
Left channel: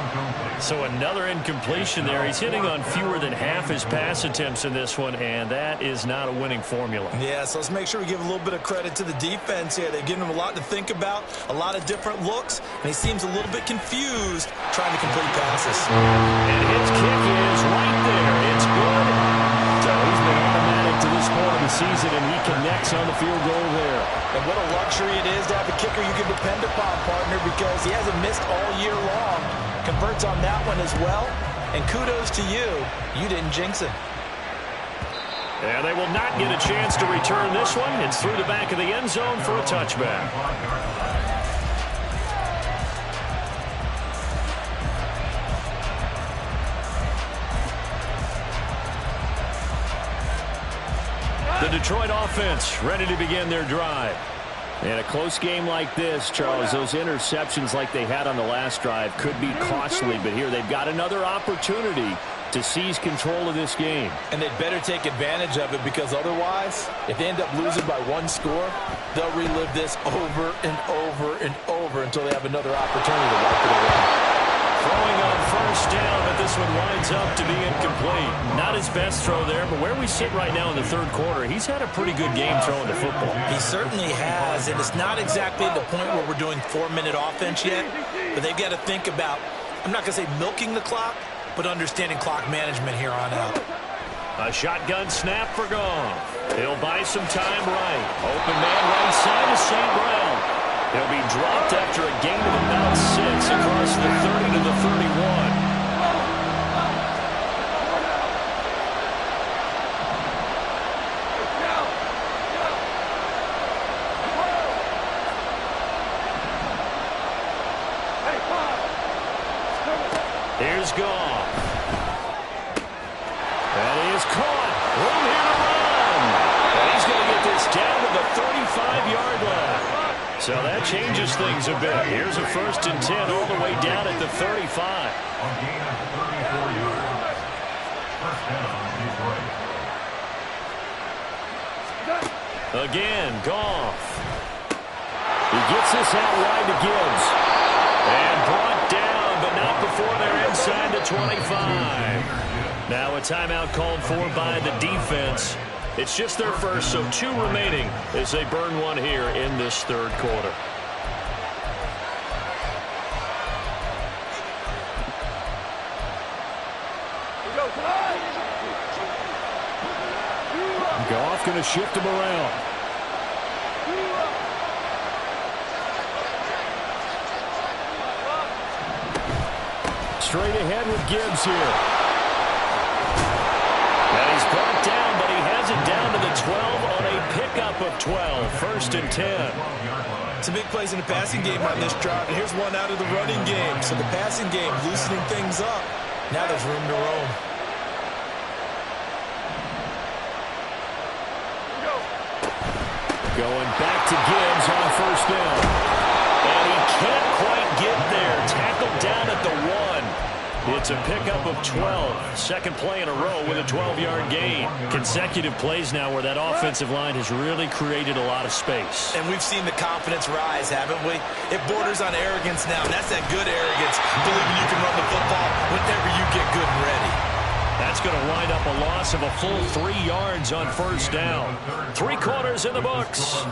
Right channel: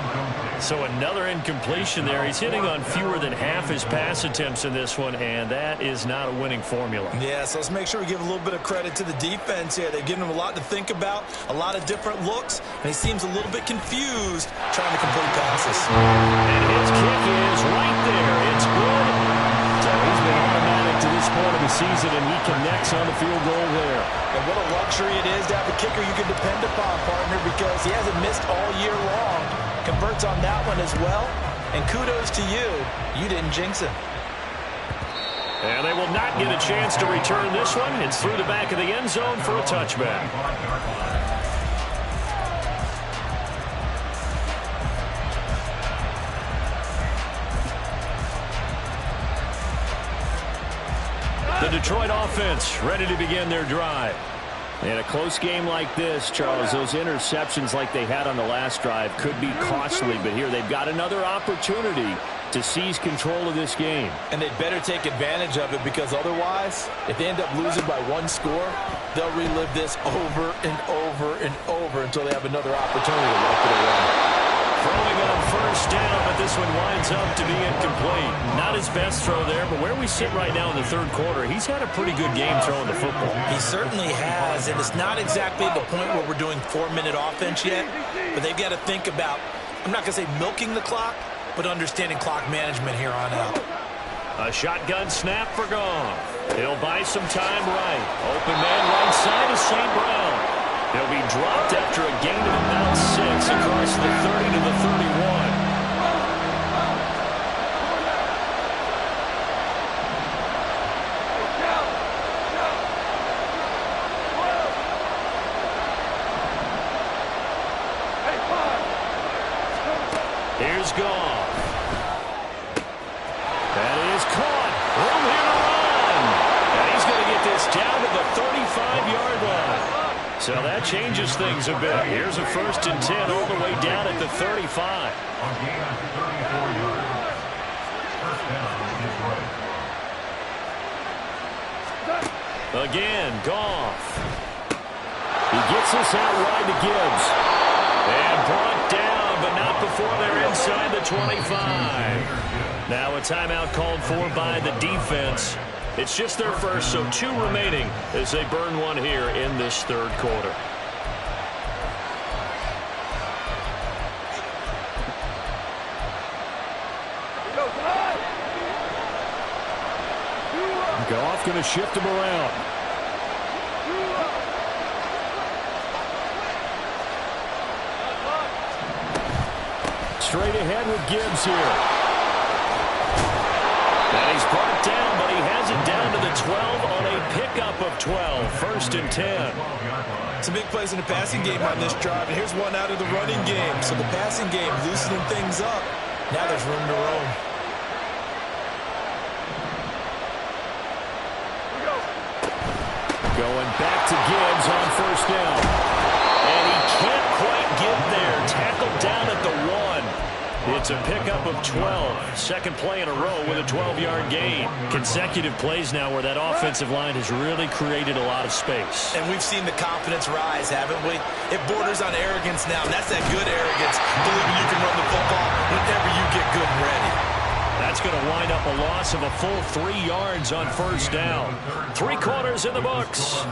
So another incompletion there. He's hitting on fewer than half his pass attempts in this one, and that is not a winning formula. Yeah, so let's make sure we give a little bit of credit to the defense here. They've given him a lot to think about, a lot of different looks, and he seems a little bit confused trying to complete passes. And his kick is right there. It's good. So he's been automatic to this point of the season, and he connects on the field goal there. And what a luxury it is to have a kicker you can depend upon, partner, because he hasn't missed all year long. Converts on that one as well. And kudos to you. You didn't jinx him. And they will not get a chance to return this one. It's through the back of the end zone for a touchback. The Detroit offense ready to begin their drive. In a close game like this, Charles, those interceptions like they had on the last drive could be costly, but here they've got another opportunity to seize control of this game. And they'd better take advantage of it, because otherwise, if they end up losing by 1 score, they'll relive this over and over and over until they have another opportunity to wipe it away. Throwing on 1st down, but this one winds up to be incomplete. Not his best throw there, but where we sit right now in the 3rd quarter, he's had a pretty good game throwing the football. He certainly has, and it's not exactly at the point where we're doing 4-minute offense yet, but they've got to think about, I'm not going to say milking the clock, but understanding clock management here on out. A shotgun snap for Goff. He'll buy some time right. Open man right side is St. Brown. He'll be dropped after a gain of about 6 across the 30 to the 31. Here's Goff. That is caught. Room here to run. And he's going to get this down to the 35-yard line. So that changes things a bit. Here's a 1st and 10 all the way down at the 35. On gain of 34 yards. 1st down, Detroit. Again, Goff. He gets this out wide to Gibbs. And brought down, but not before they're inside the 25. Now a timeout called for by the defense. It's just their first, so 2 remaining as they burn one here in this 3rd quarter. Goff going to shift him around. straight ahead with Gibbs here. And he's brought down, but he has it down to the 12 on a pickup of 12. 1st and 10. Some big plays in the passing game on this drive, and here's one out of the running game. So the passing game loosening things up. Now there's room to roam. Going back to Gibbs on 1st down. And he can't quite get there. Tackled down at the 1. It's a pickup of 12. Second play in a row with a 12-yard gain. Consecutive plays now where that offensive line has really created a lot of space. And we've seen the confidence rise, haven't we? It borders on arrogance now, and that's that good arrogance, believing you can run the football whenever you get good and ready. That's going to wind up a loss of a full 3 yards on 1st down. 3 quarters in the books.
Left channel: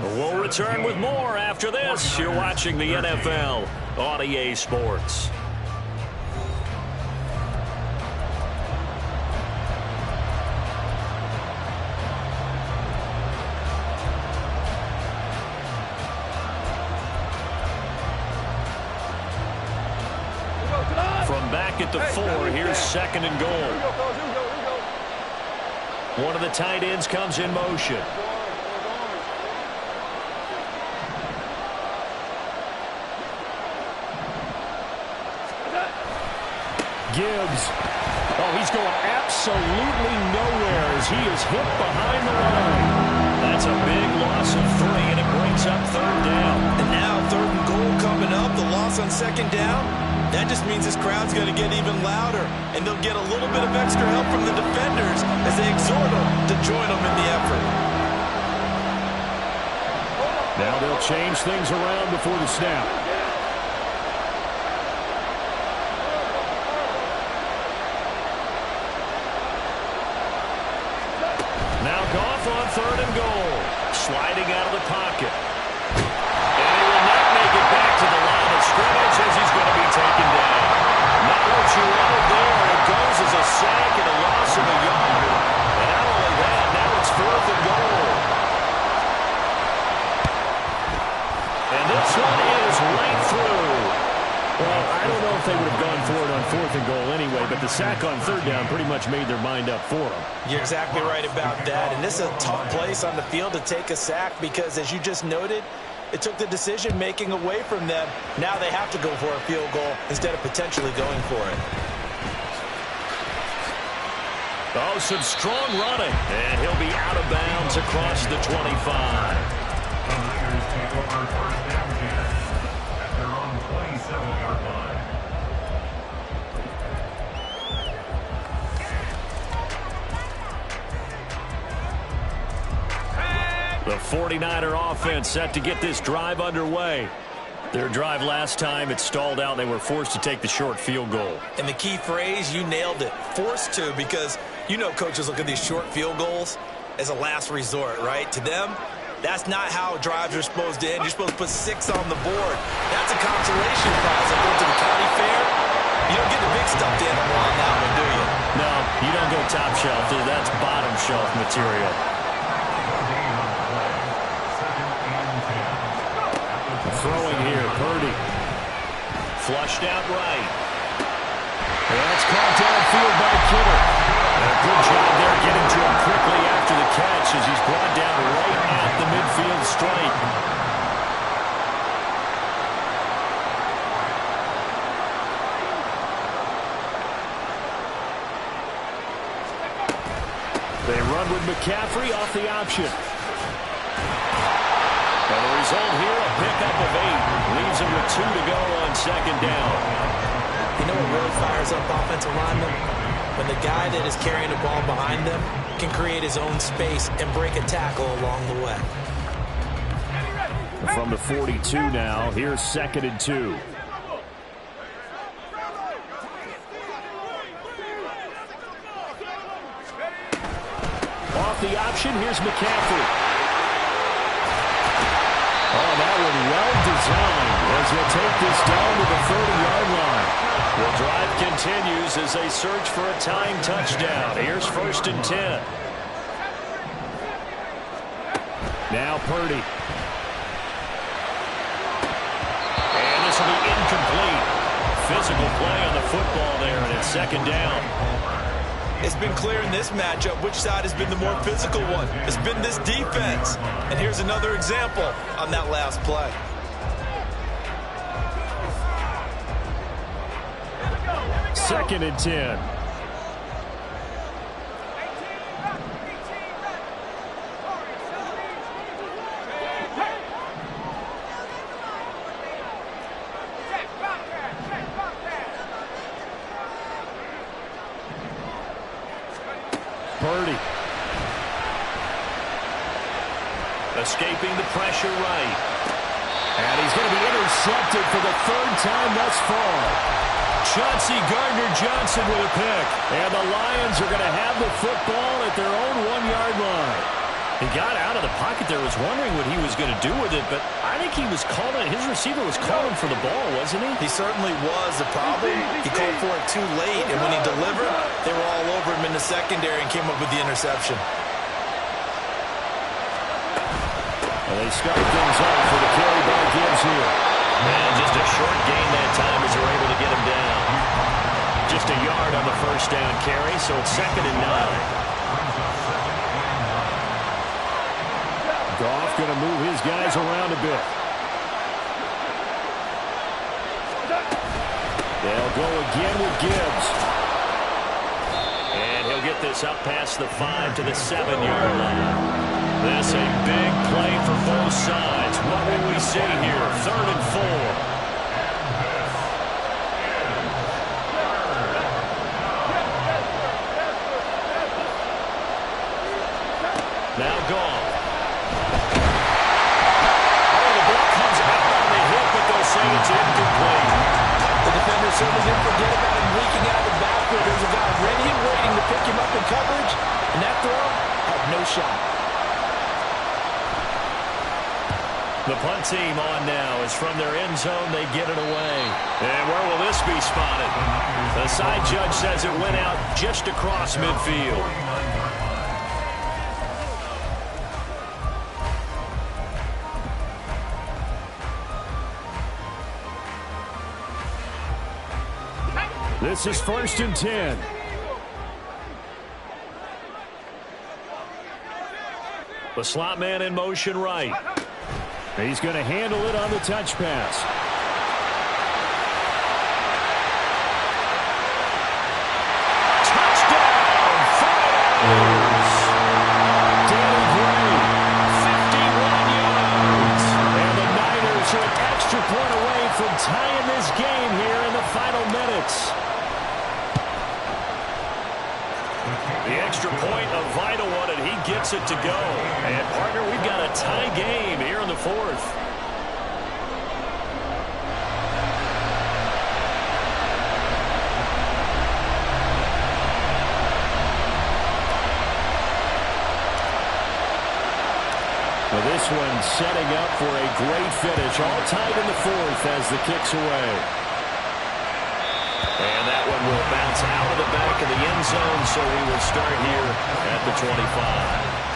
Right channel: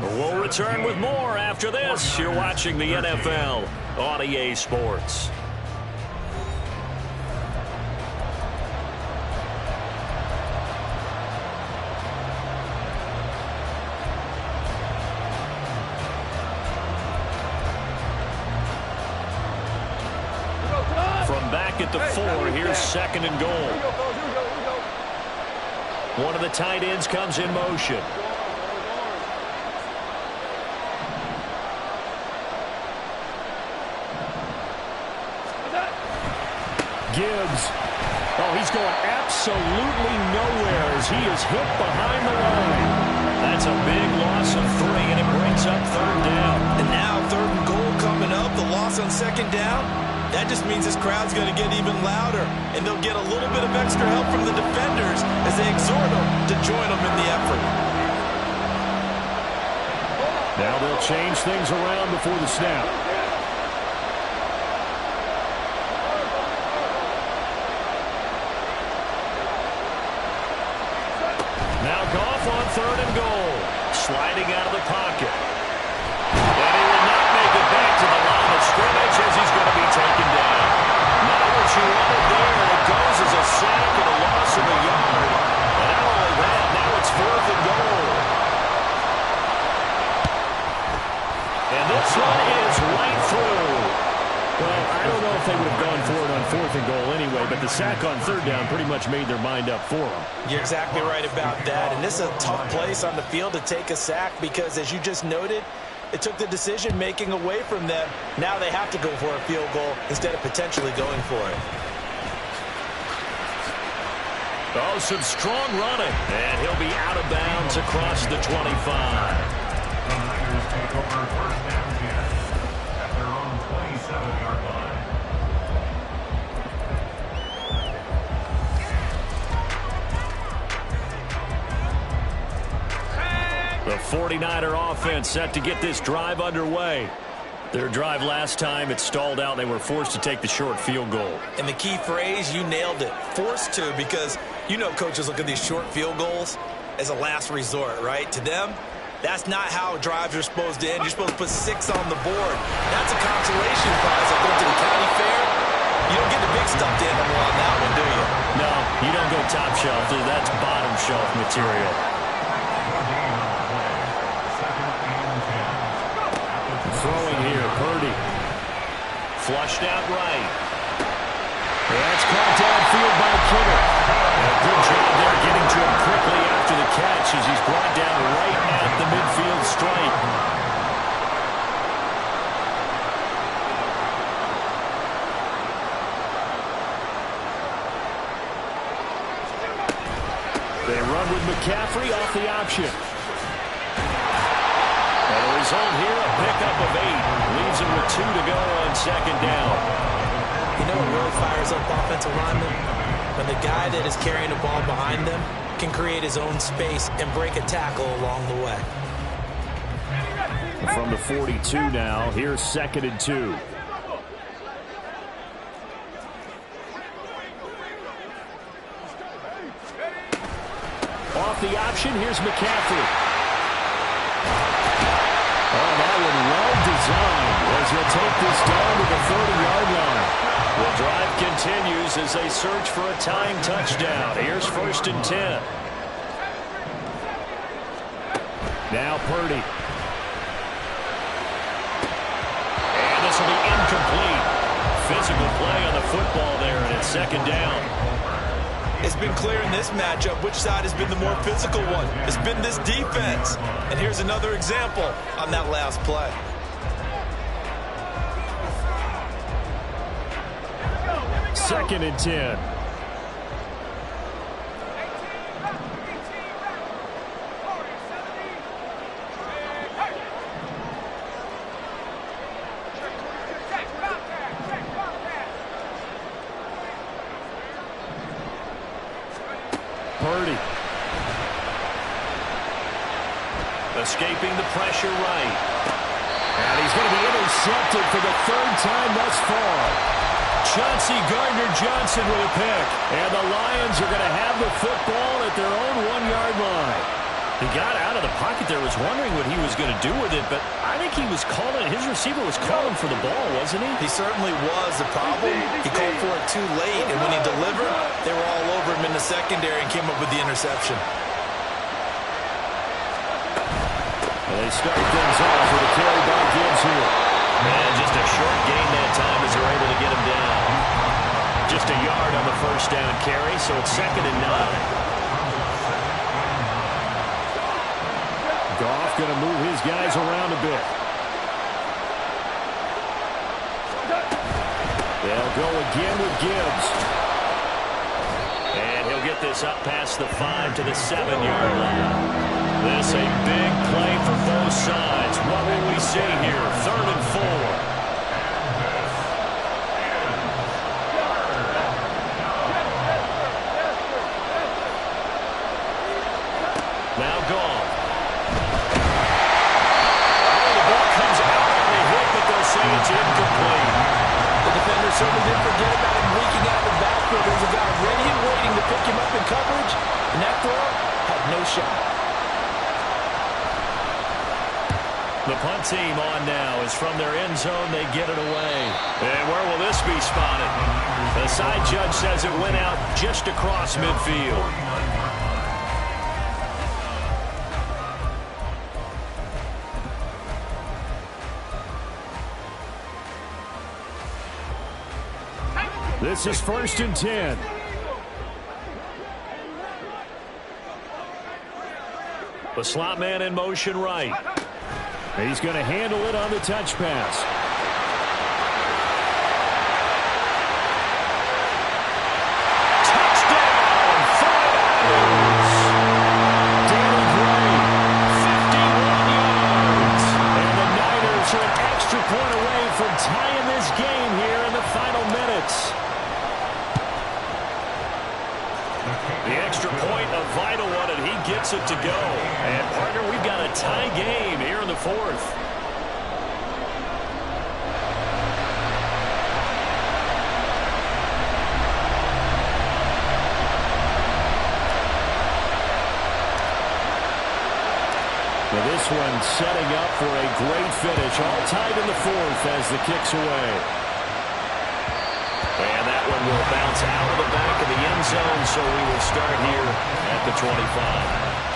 We'll return with more after this. You're watching the NFL on EA Sports. From back at the 4, here's 2nd and goal. One of the tight ends comes in motion. Gibbs. Oh, he's going absolutely nowhere as he is hit behind the line. That's a big loss of 3, and it brings up 3rd down. And now 3rd and goal coming up. The loss on 2nd down. That just means this crowd's going to get even louder, and they'll get a little bit of extra help from the defenders as they exhort them to join them in the effort. Now they'll change things around before the snap. Now Goff on 3rd and goal. Sliding out of the pocket. And he will not make it back to the line of scrimmage as he's going to be taken down. Not what you wanted there. It goes as a sack and a loss of a yard. And not only that, now it's 4th and goal. And this one is right through. Well, I don't know if they would have gone for it on 4th and goal anyway, but the sack on 3rd down pretty much made their mind up for them. You're exactly right about that. And this is a tough place on the field to take a sack because, as you just noted, it took the decision-making away from them. Now they have to go for a field goal instead of potentially going for it. Oh, some strong running. And he'll be out of bounds across the 25. The Niners take over 1st and 10 at their own 27-yard line. The 49er offense set to get this drive underway. Their drive last time, it stalled out. They were forced to take the short field goal. And the key phrase, you nailed it, forced to, because you know coaches look at these short field goals as a last resort, right? To them, that's not how drives are supposed to end. You're supposed to put 6 on the board. That's a consolation prize. Like going to the county fair, you don't get the big stuffed animal on that one, do you? No, you don't go top shelf. That's bottom shelf material. Throwing here, Purdy. Flushed out right. That's caught downfield by Kittle. A good job there getting to him quickly after the catch as he's brought down right at the midfield stripe. They run with McCaffrey off the option. And the result here, a pickup of 8. Leaves him with 2 to go on 2nd down. You know what really fires up offensive linemen? When the guy that is carrying the ball behind them can create his own space and break a tackle along the way. From the 42 now, here's 2nd and 2. Off the option, here's McCaffrey. Oh, that one well designed as he'll take this down to the 30-yard line. The drive continues as they search for a tying touchdown. Here's 1st and 10. Now Purdy. And this will be incomplete. physical play on the football there, and it's second down. It's been clear in this matchup which side has been the more physical one. It's been this defense. And here's another example on that last play. Second and 10. Purdy. Escaping the pressure right. And he's going to be intercepted for the third time thus far. Chauncey Gardner-Johnson with a pick. And the Lions are going to have the football at their own 1-yard line. He got out of the pocket there, was wondering what he was going to do with it, but I think he was calling, his receiver was calling for the ball, wasn't he? He certainly was. The problem, he called for it too late, and when he delivered, they were all over him in the secondary and came up with the interception. Well, they start things off with a carry by Gibbs here. Man, just a short gain that time as they're able to get him down. Just a yard on the first down carry, so it's 2nd and 9. Goff going to move his guys around a bit. They'll go again with Gibbs. And he'll get this up past the 5 to the 7-yard line. This a big play for both sides. What will we see here? 3rd and 4. Now Goff. Say it's incomplete. The defender certainly didn't forget about him leaking out of the backfield. There's a guy ready and waiting to pick him up in coverage, and that throw had no shot. The punt team on now is from their end zone. They get it away. And where will this be spotted? The side judge says it went out just across midfield. This is 1st and 10. The slot man in motion right. He's going to handle it on the touch pass. Touchdown, 49ers. Danny Gray, 51 yards. And the Niners are an extra point away from tying this game here in the final minutes. The extra point, a vital one, and he gets it to go. And, partner, we've got a tie game here in the 4th. Well, this one setting up for a great finish. All tied in the 4th as the kick's away. And that one will bounce out of the back of the end zone, so we will start here at the 25.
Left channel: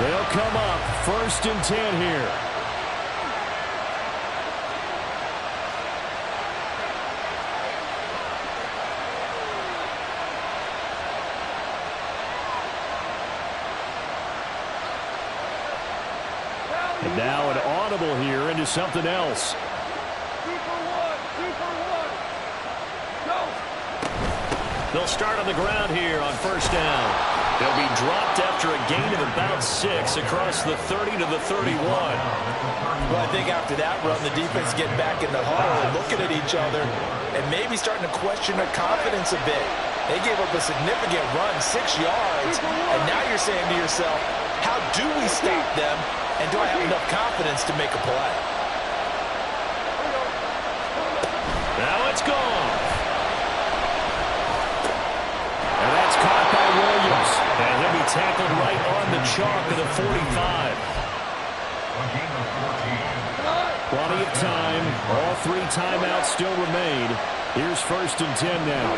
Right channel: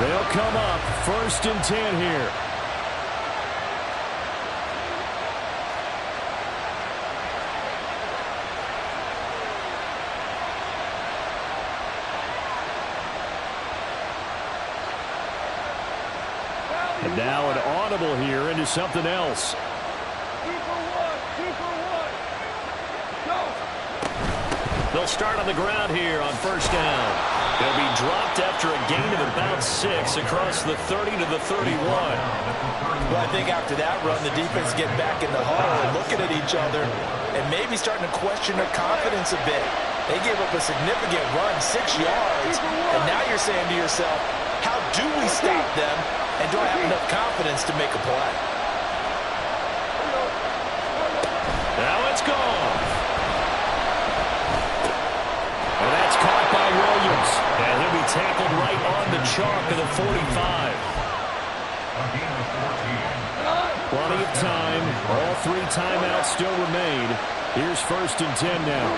They'll come up 1st and 10 here. And now an audible here into something else. 2 for 1, 2 for 1. Go. They'll start on the ground here on 1st down. They'll be dropped after a gain of about 6 across the 30 to the 31. Well, I think after that run, the defense getting back in the huddle and looking at each other and maybe starting to question their confidence a bit. They gave up a significant run, 6 yards, and now you're saying to yourself, how do we stop them? And do I have enough confidence to make a play? Now it's gone. And that's caught by Williams. And he'll be tackled right on the chalk of the 45. Plenty of time. All 3 timeouts still remain. Here's 1st and 10 now.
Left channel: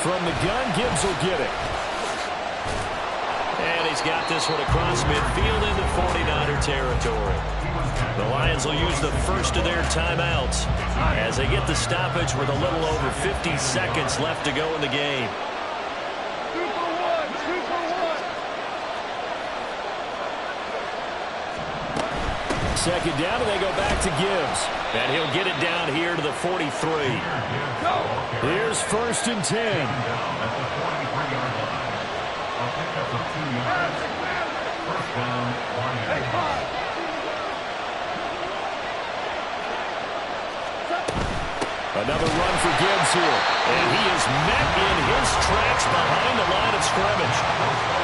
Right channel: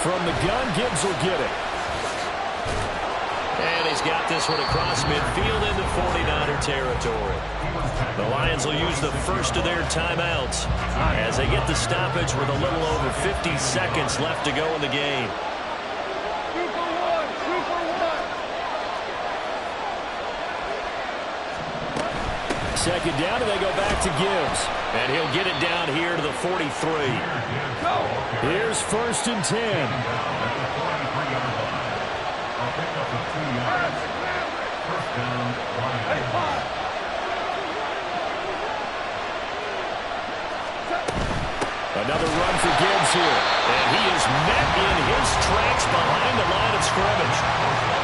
From the gun, Gibbs will get it. And he's got this one across midfield into 49er territory. The Lions will use the first of their timeouts as they get the stoppage with a little over 50 seconds left to go in the game. Second down, and they go back to Gibbs. And he'll get it down here to the 43. Here's 1st and 10. Down at the 43-yard line. A pickup of 2 yards. First down, Lions. Another run for Gibbs here. And he is met in his tracks behind the line of scrimmage.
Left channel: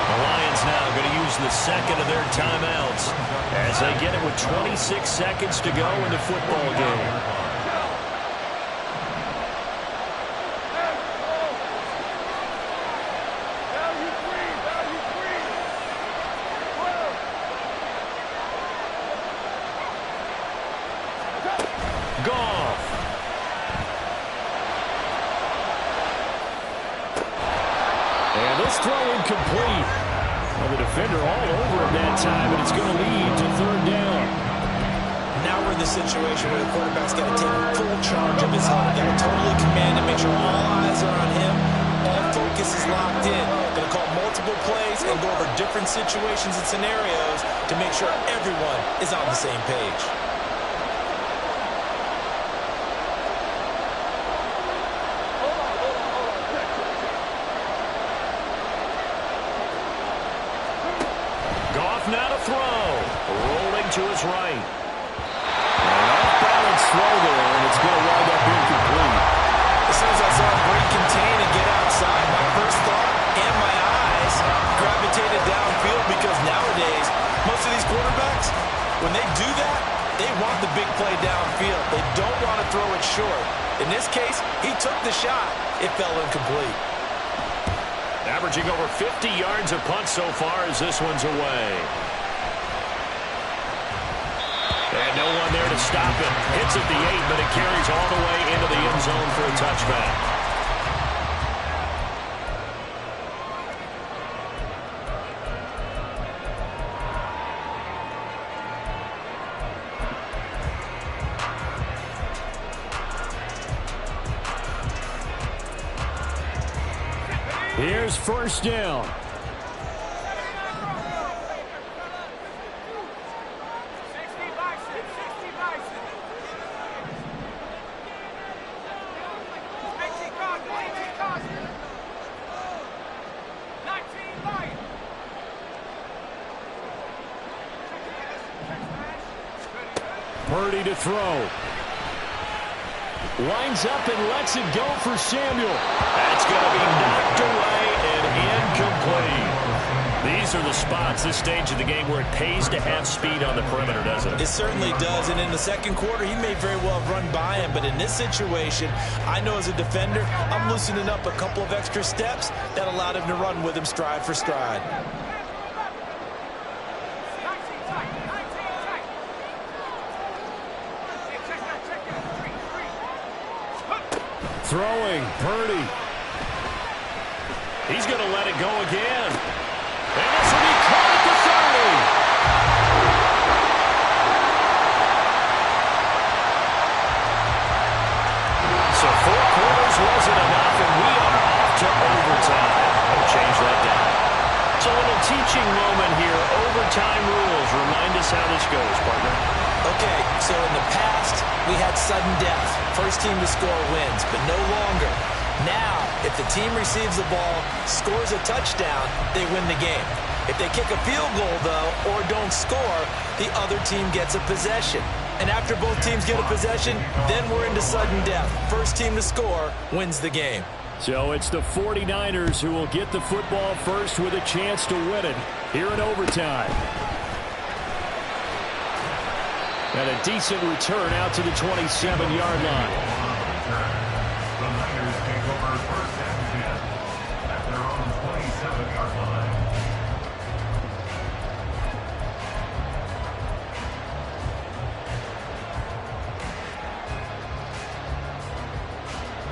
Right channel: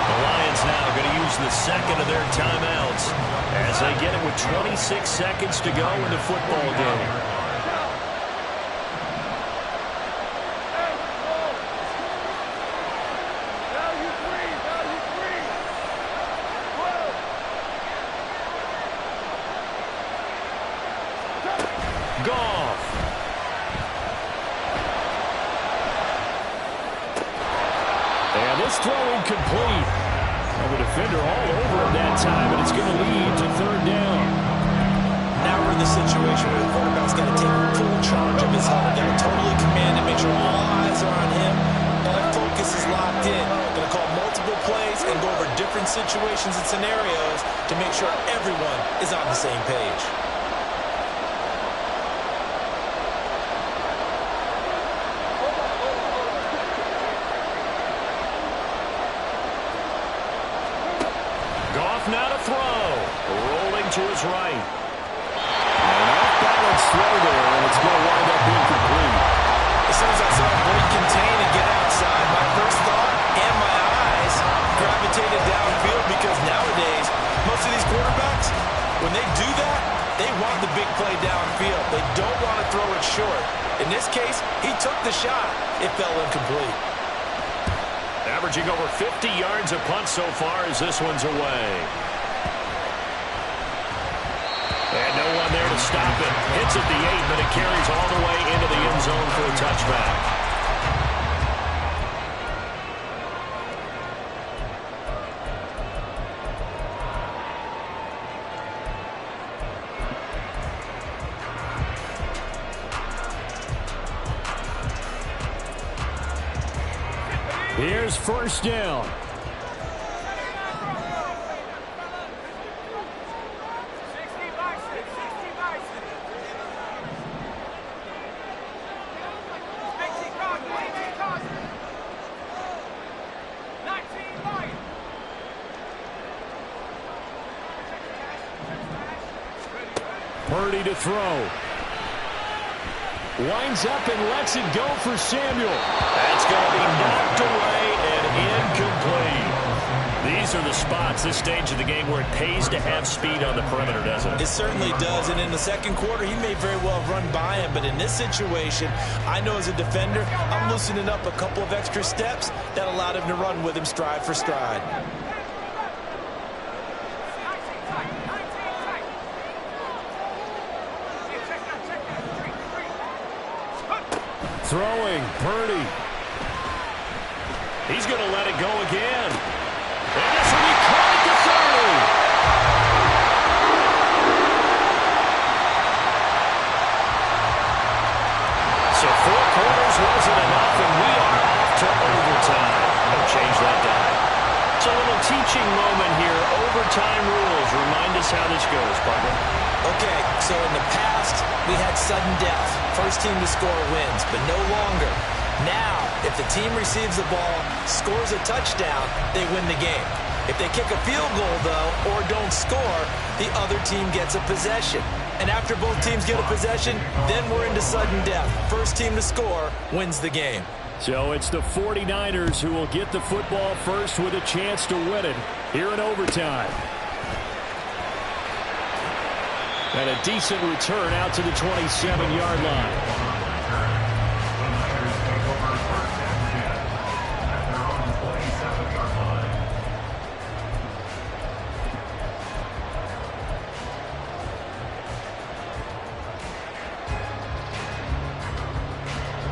The Lions now going to use the second of their timeouts as they get it with 26 seconds to go in the football game. Goff. And this throw incomplete. Well, the defender all over him that time, and it's going to lead to 3rd down. Now we're in the situation where the quarterback's got to take full charge of his huddle. Got to totally command it, make sure all eyes are on him. All focus is locked in. Going to call multiple plays and go over different situations and scenarios to make sure everyone is on the same page. Goff now to throw. Rolling to his right. An off-balance throw there, and it's going to wind up incomplete. As soon as I saw him break contain and get outside, my first thought and my eyes gravitated downfield because nowadays, most of these quarterbacks, when they do that, they want the big play downfield. They don't want to throw it short. In this case, he took the shot. It fell incomplete. Averaging over 50 yards a punt so far as this one's away. And no one there to stop it. Hits at the 8, but it carries all the way into the end zone for a touchback. Here's 1st down. Purdy to throw. Winds up and lets it go for Samuel. That's going to be knocked away and incomplete. These are the spots, this stage of the game, where it pays to have speed on the perimeter, doesn't it? It certainly does, and in the second quarter, he may very well have run by him, but in this situation, I know as a defender, I'm loosening up a couple of extra steps that allowed him to run with him stride for stride. Throwing, Purdy. He's going to let it go again. And this will be caught at the 30. So 4 quarters wasn't enough, and we are off to overtime. Don't change that dime. So a little teaching moment here. Overtime rules. Remind us how this goes, partner. Okay, so in the past, we had sudden death. First team to score wins, but no longer. Now, if the team receives the ball, scores a touchdown, they win the game. If they kick a field goal, though, or don't score, the other team gets a possession. And after both teams get a possession, then we're into sudden death. First team to score wins the game. So it's the 49ers who will get the football first with a chance to win it here in overtime. And a decent return out to the 27-yard line. The Niners take over 1st and 10 at their own 27-yard line.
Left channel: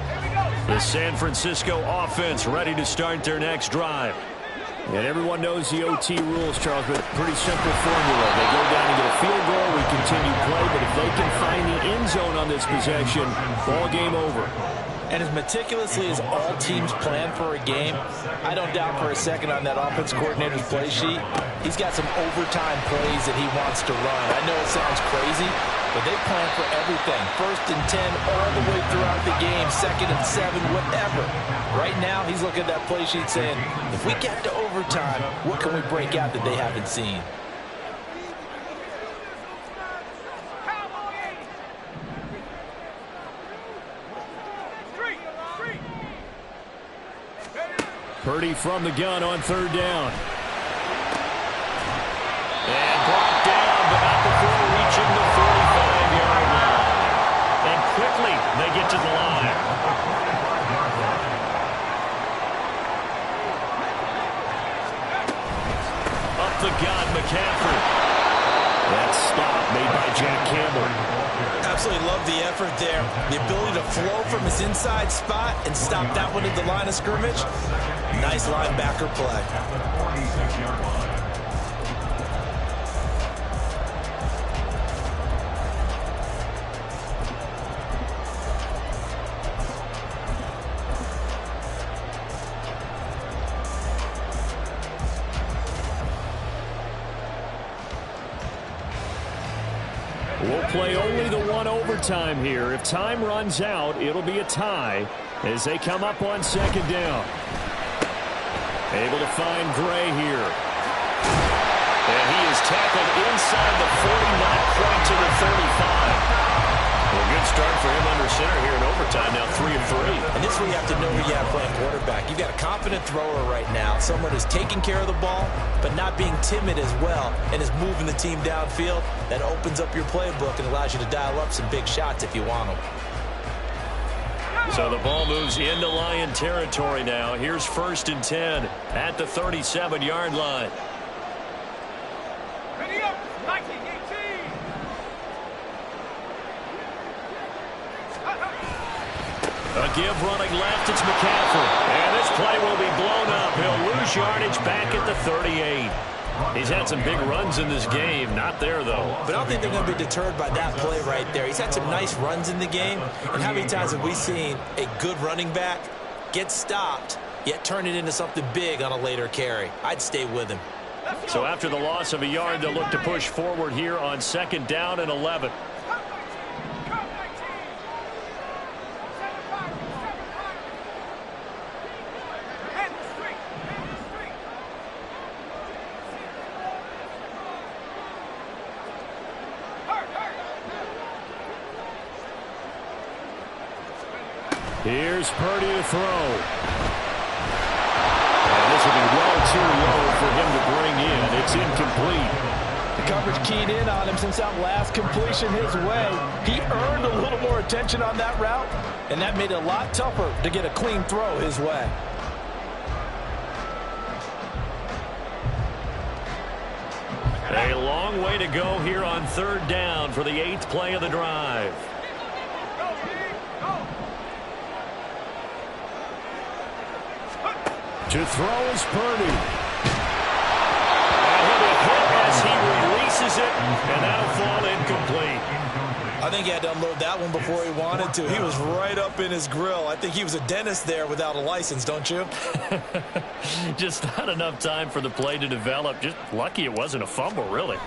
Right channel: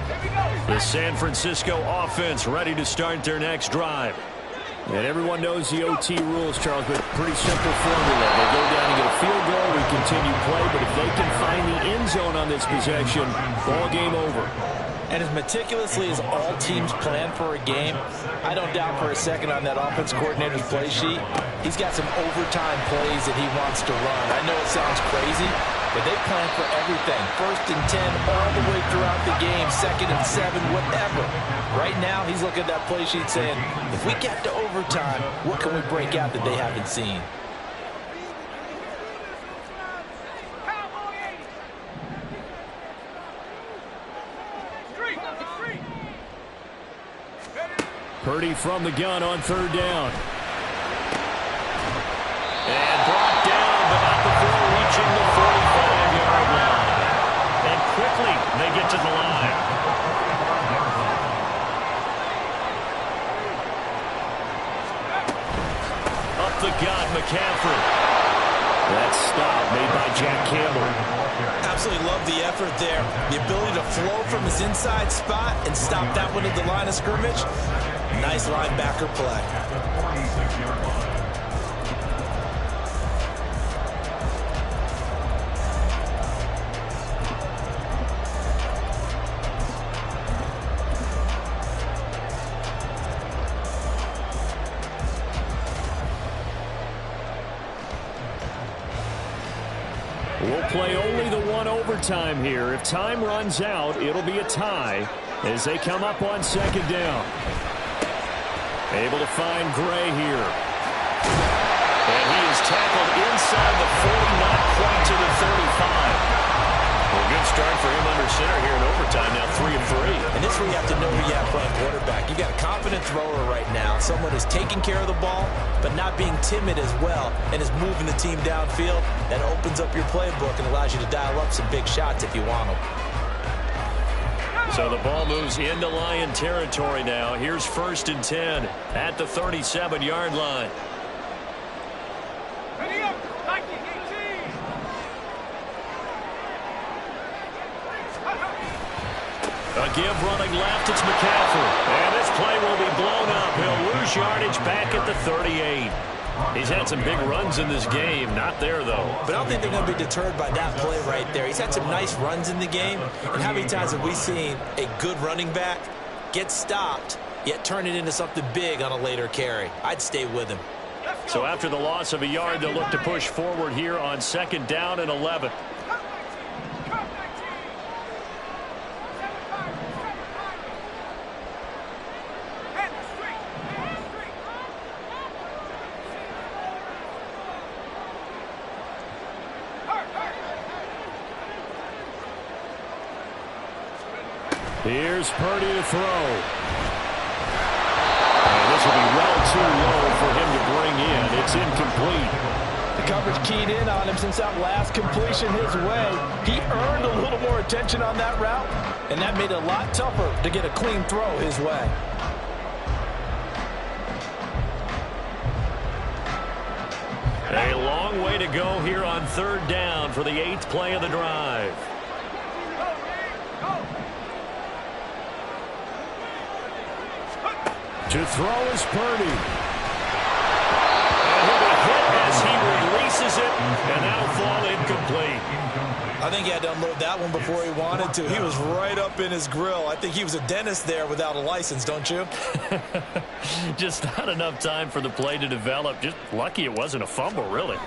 Here we go. The San Francisco offense ready to start their next drive. And everyone knows the OT rules, Charles, but pretty simple formula. They go down and get a field goal, we continue play, but if they can find the end zone on this possession, ball game over. And as meticulously as all teams plan for a game, I don't doubt for a second on that offense coordinator's play sheet, he's got some overtime plays that he wants to run. I know it sounds crazy, but they plan for everything. 1st and 10 all the way throughout the game, 2nd and 7, whatever. Right now, he's looking at that play sheet saying, if we get to overtime, what can we break out that they haven't seen? Purdy from the gun on 3rd down. And brought down, but not before reaching the 45-yard line. And quickly, they get to the line. Up the gut, McCaffrey. That stop made by Jack Campbell. Absolutely love the effort there. The ability to flow from his inside spot and stop that one at the line of scrimmage. Nice linebacker play. At the 46-yard line. We'll play only the one overtime here. If time runs out, it'll be a tie as they come up on 2nd down. Able to find Gray here. And he is tackled inside the 40, not quite to the 35. Well, good start for him under center here in overtime, now 3 of 3. And this is where you have to know who you have playing quarterback. You've got a confident thrower right now, someone who's taking care of the ball, but not being timid as well, and is moving the team downfield. That opens up your playbook and allows you to dial up some big shots if you want them. So the ball moves into Lion territory now. Here's 1st and 10 at the 37-yard line. Ready up, 1918. A give running left, it's McCaffrey. And this play will be blown up. He'll lose yardage back at the 38. He's had some big runs in this game. Not there, though. But I don't think they're going to be deterred by that play right there. He's had some nice runs in the game. And how many times have we seen a good running back get stopped, yet turn it into something big on a later carry? I'd stay with him. So after the loss of a yard, they'll look to push forward here on 2nd down and 11. Here's Purdy to throw. And this will be well too low for him to bring in. It's incomplete. The coverage keyed in on him since that last completion his way. He earned a little more attention on that route, and that made it a lot tougher to get a clean throw his way. A long way to go here on 3rd down for the 8th play of the drive. To throw is Purdy. And he'll be hit as he releases it, and that'll fall incomplete. I think he had to unload that one before he wanted to. He was right up in his grill. I think he was a dentist there without a license, don't you? Just not enough time for the play to develop. Just lucky it wasn't a fumble, really.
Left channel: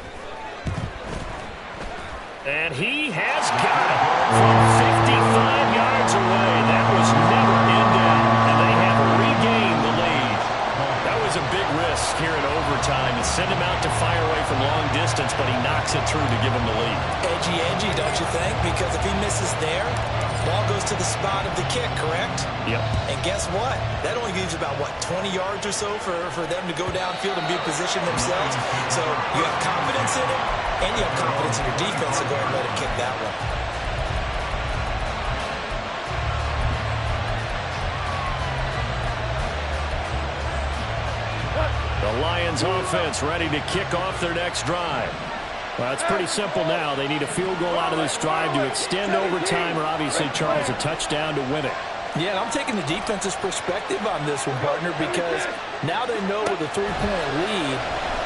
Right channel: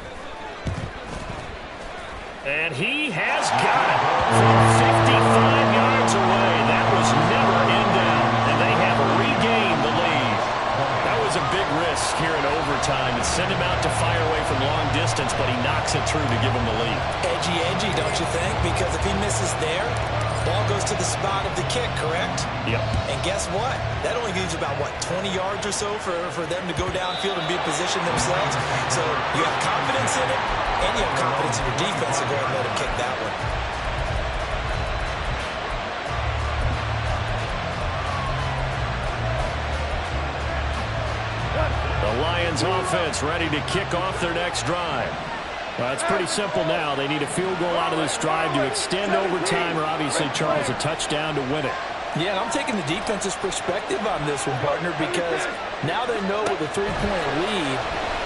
And he has got it from 55 yards away. That was never in down, and they have regained the lead. That was a big risk here in overtime. It sent him out to fire away from long distance, but he knocks it through to give him the lead. Edgy, don't you think? Because if he misses there, ball goes to the spot of the kick, correct? Yep. And guess what? That only leaves about, 20 yards or so for them to go downfield and be in position themselves. So you have confidence in it, and you have confidence in your defense to go ahead and let him kick that one. The Lions offense ready to kick off their next drive. Well, it's pretty simple now. They need a field goal out of this drive to extend overtime or obviously, Charles, a touchdown to win it. Yeah, I'm taking the defense's perspective on this one, partner, because now they know with a 3-point lead,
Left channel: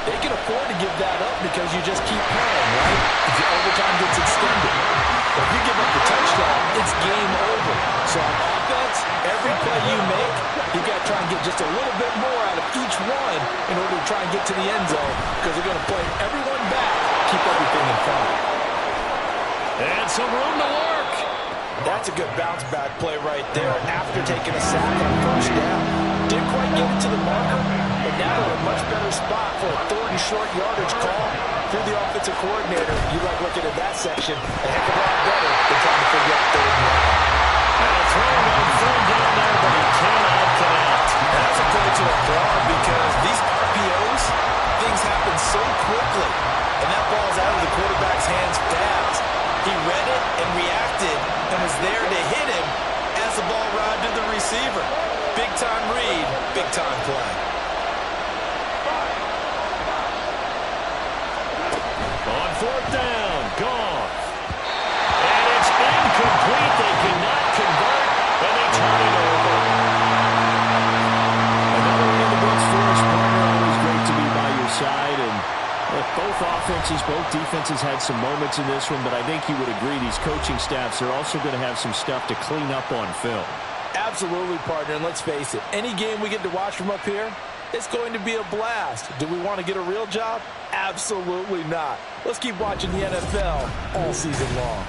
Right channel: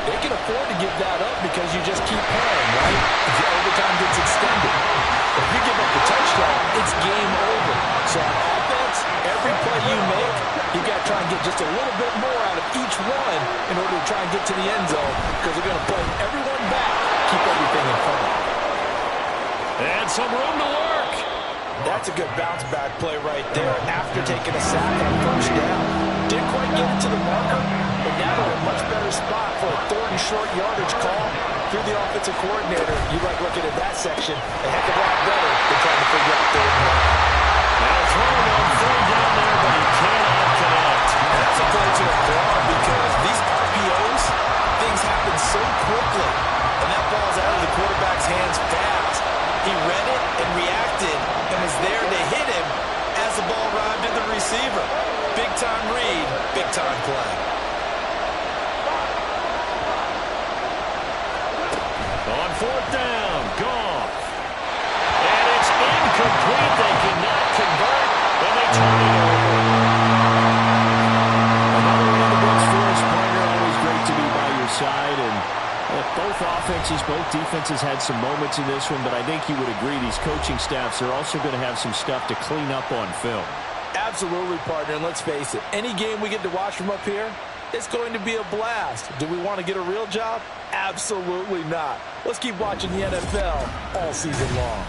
they can afford to give that up because you just keep playing, right? If the overtime gets extended. But if you give up the touchdown, it's game over. So on offense, every play you make, you got to try and get just a little bit more out of each one in order to try and get to the end zone because they're going to play everyone back, keep everything in front. And some room to work. That's a good bounce-back play right there after taking a sack on first down. Didn't quite get it to the marker, but now they're in a much better spot for a 3rd and short yardage call. If you're the offensive coordinator, you like looking at that section a heck of a lot better than trying to figure out 3rd and 1. Now throwing on 3rd down there, but he cannot connect. And that's a play to applaud because these RPOs, things happen so quickly, and that ball's out of the quarterback's hands fast. He read it and reacted and was there to hit him as the ball arrived at the receiver. Big-time read, big-time play. On 4th down, Goff. And it's incomplete. They cannot convert, and they turn it over. Another one in the books for us, partner. Always great to be by your side. And both offenses, both defenses had some moments in this one, but I think you would agree these coaching staffs are also going to have some stuff to clean up on film. Absolutely, partner, and let's face it, any game we get to watch from up here, it's going to be a blast. Do we want to get a real job? Absolutely not. Let's keep watching the NFL all season long.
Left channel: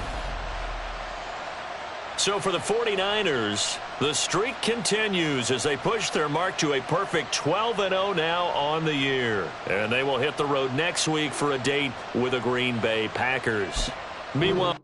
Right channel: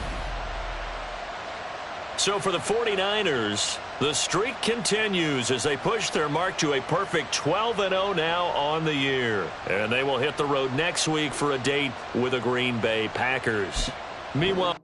So for the 49ers, the streak continues as they push their mark to a perfect 12-0 now on the year. And they will hit the road next week for a date with the Green Bay Packers. Meanwhile...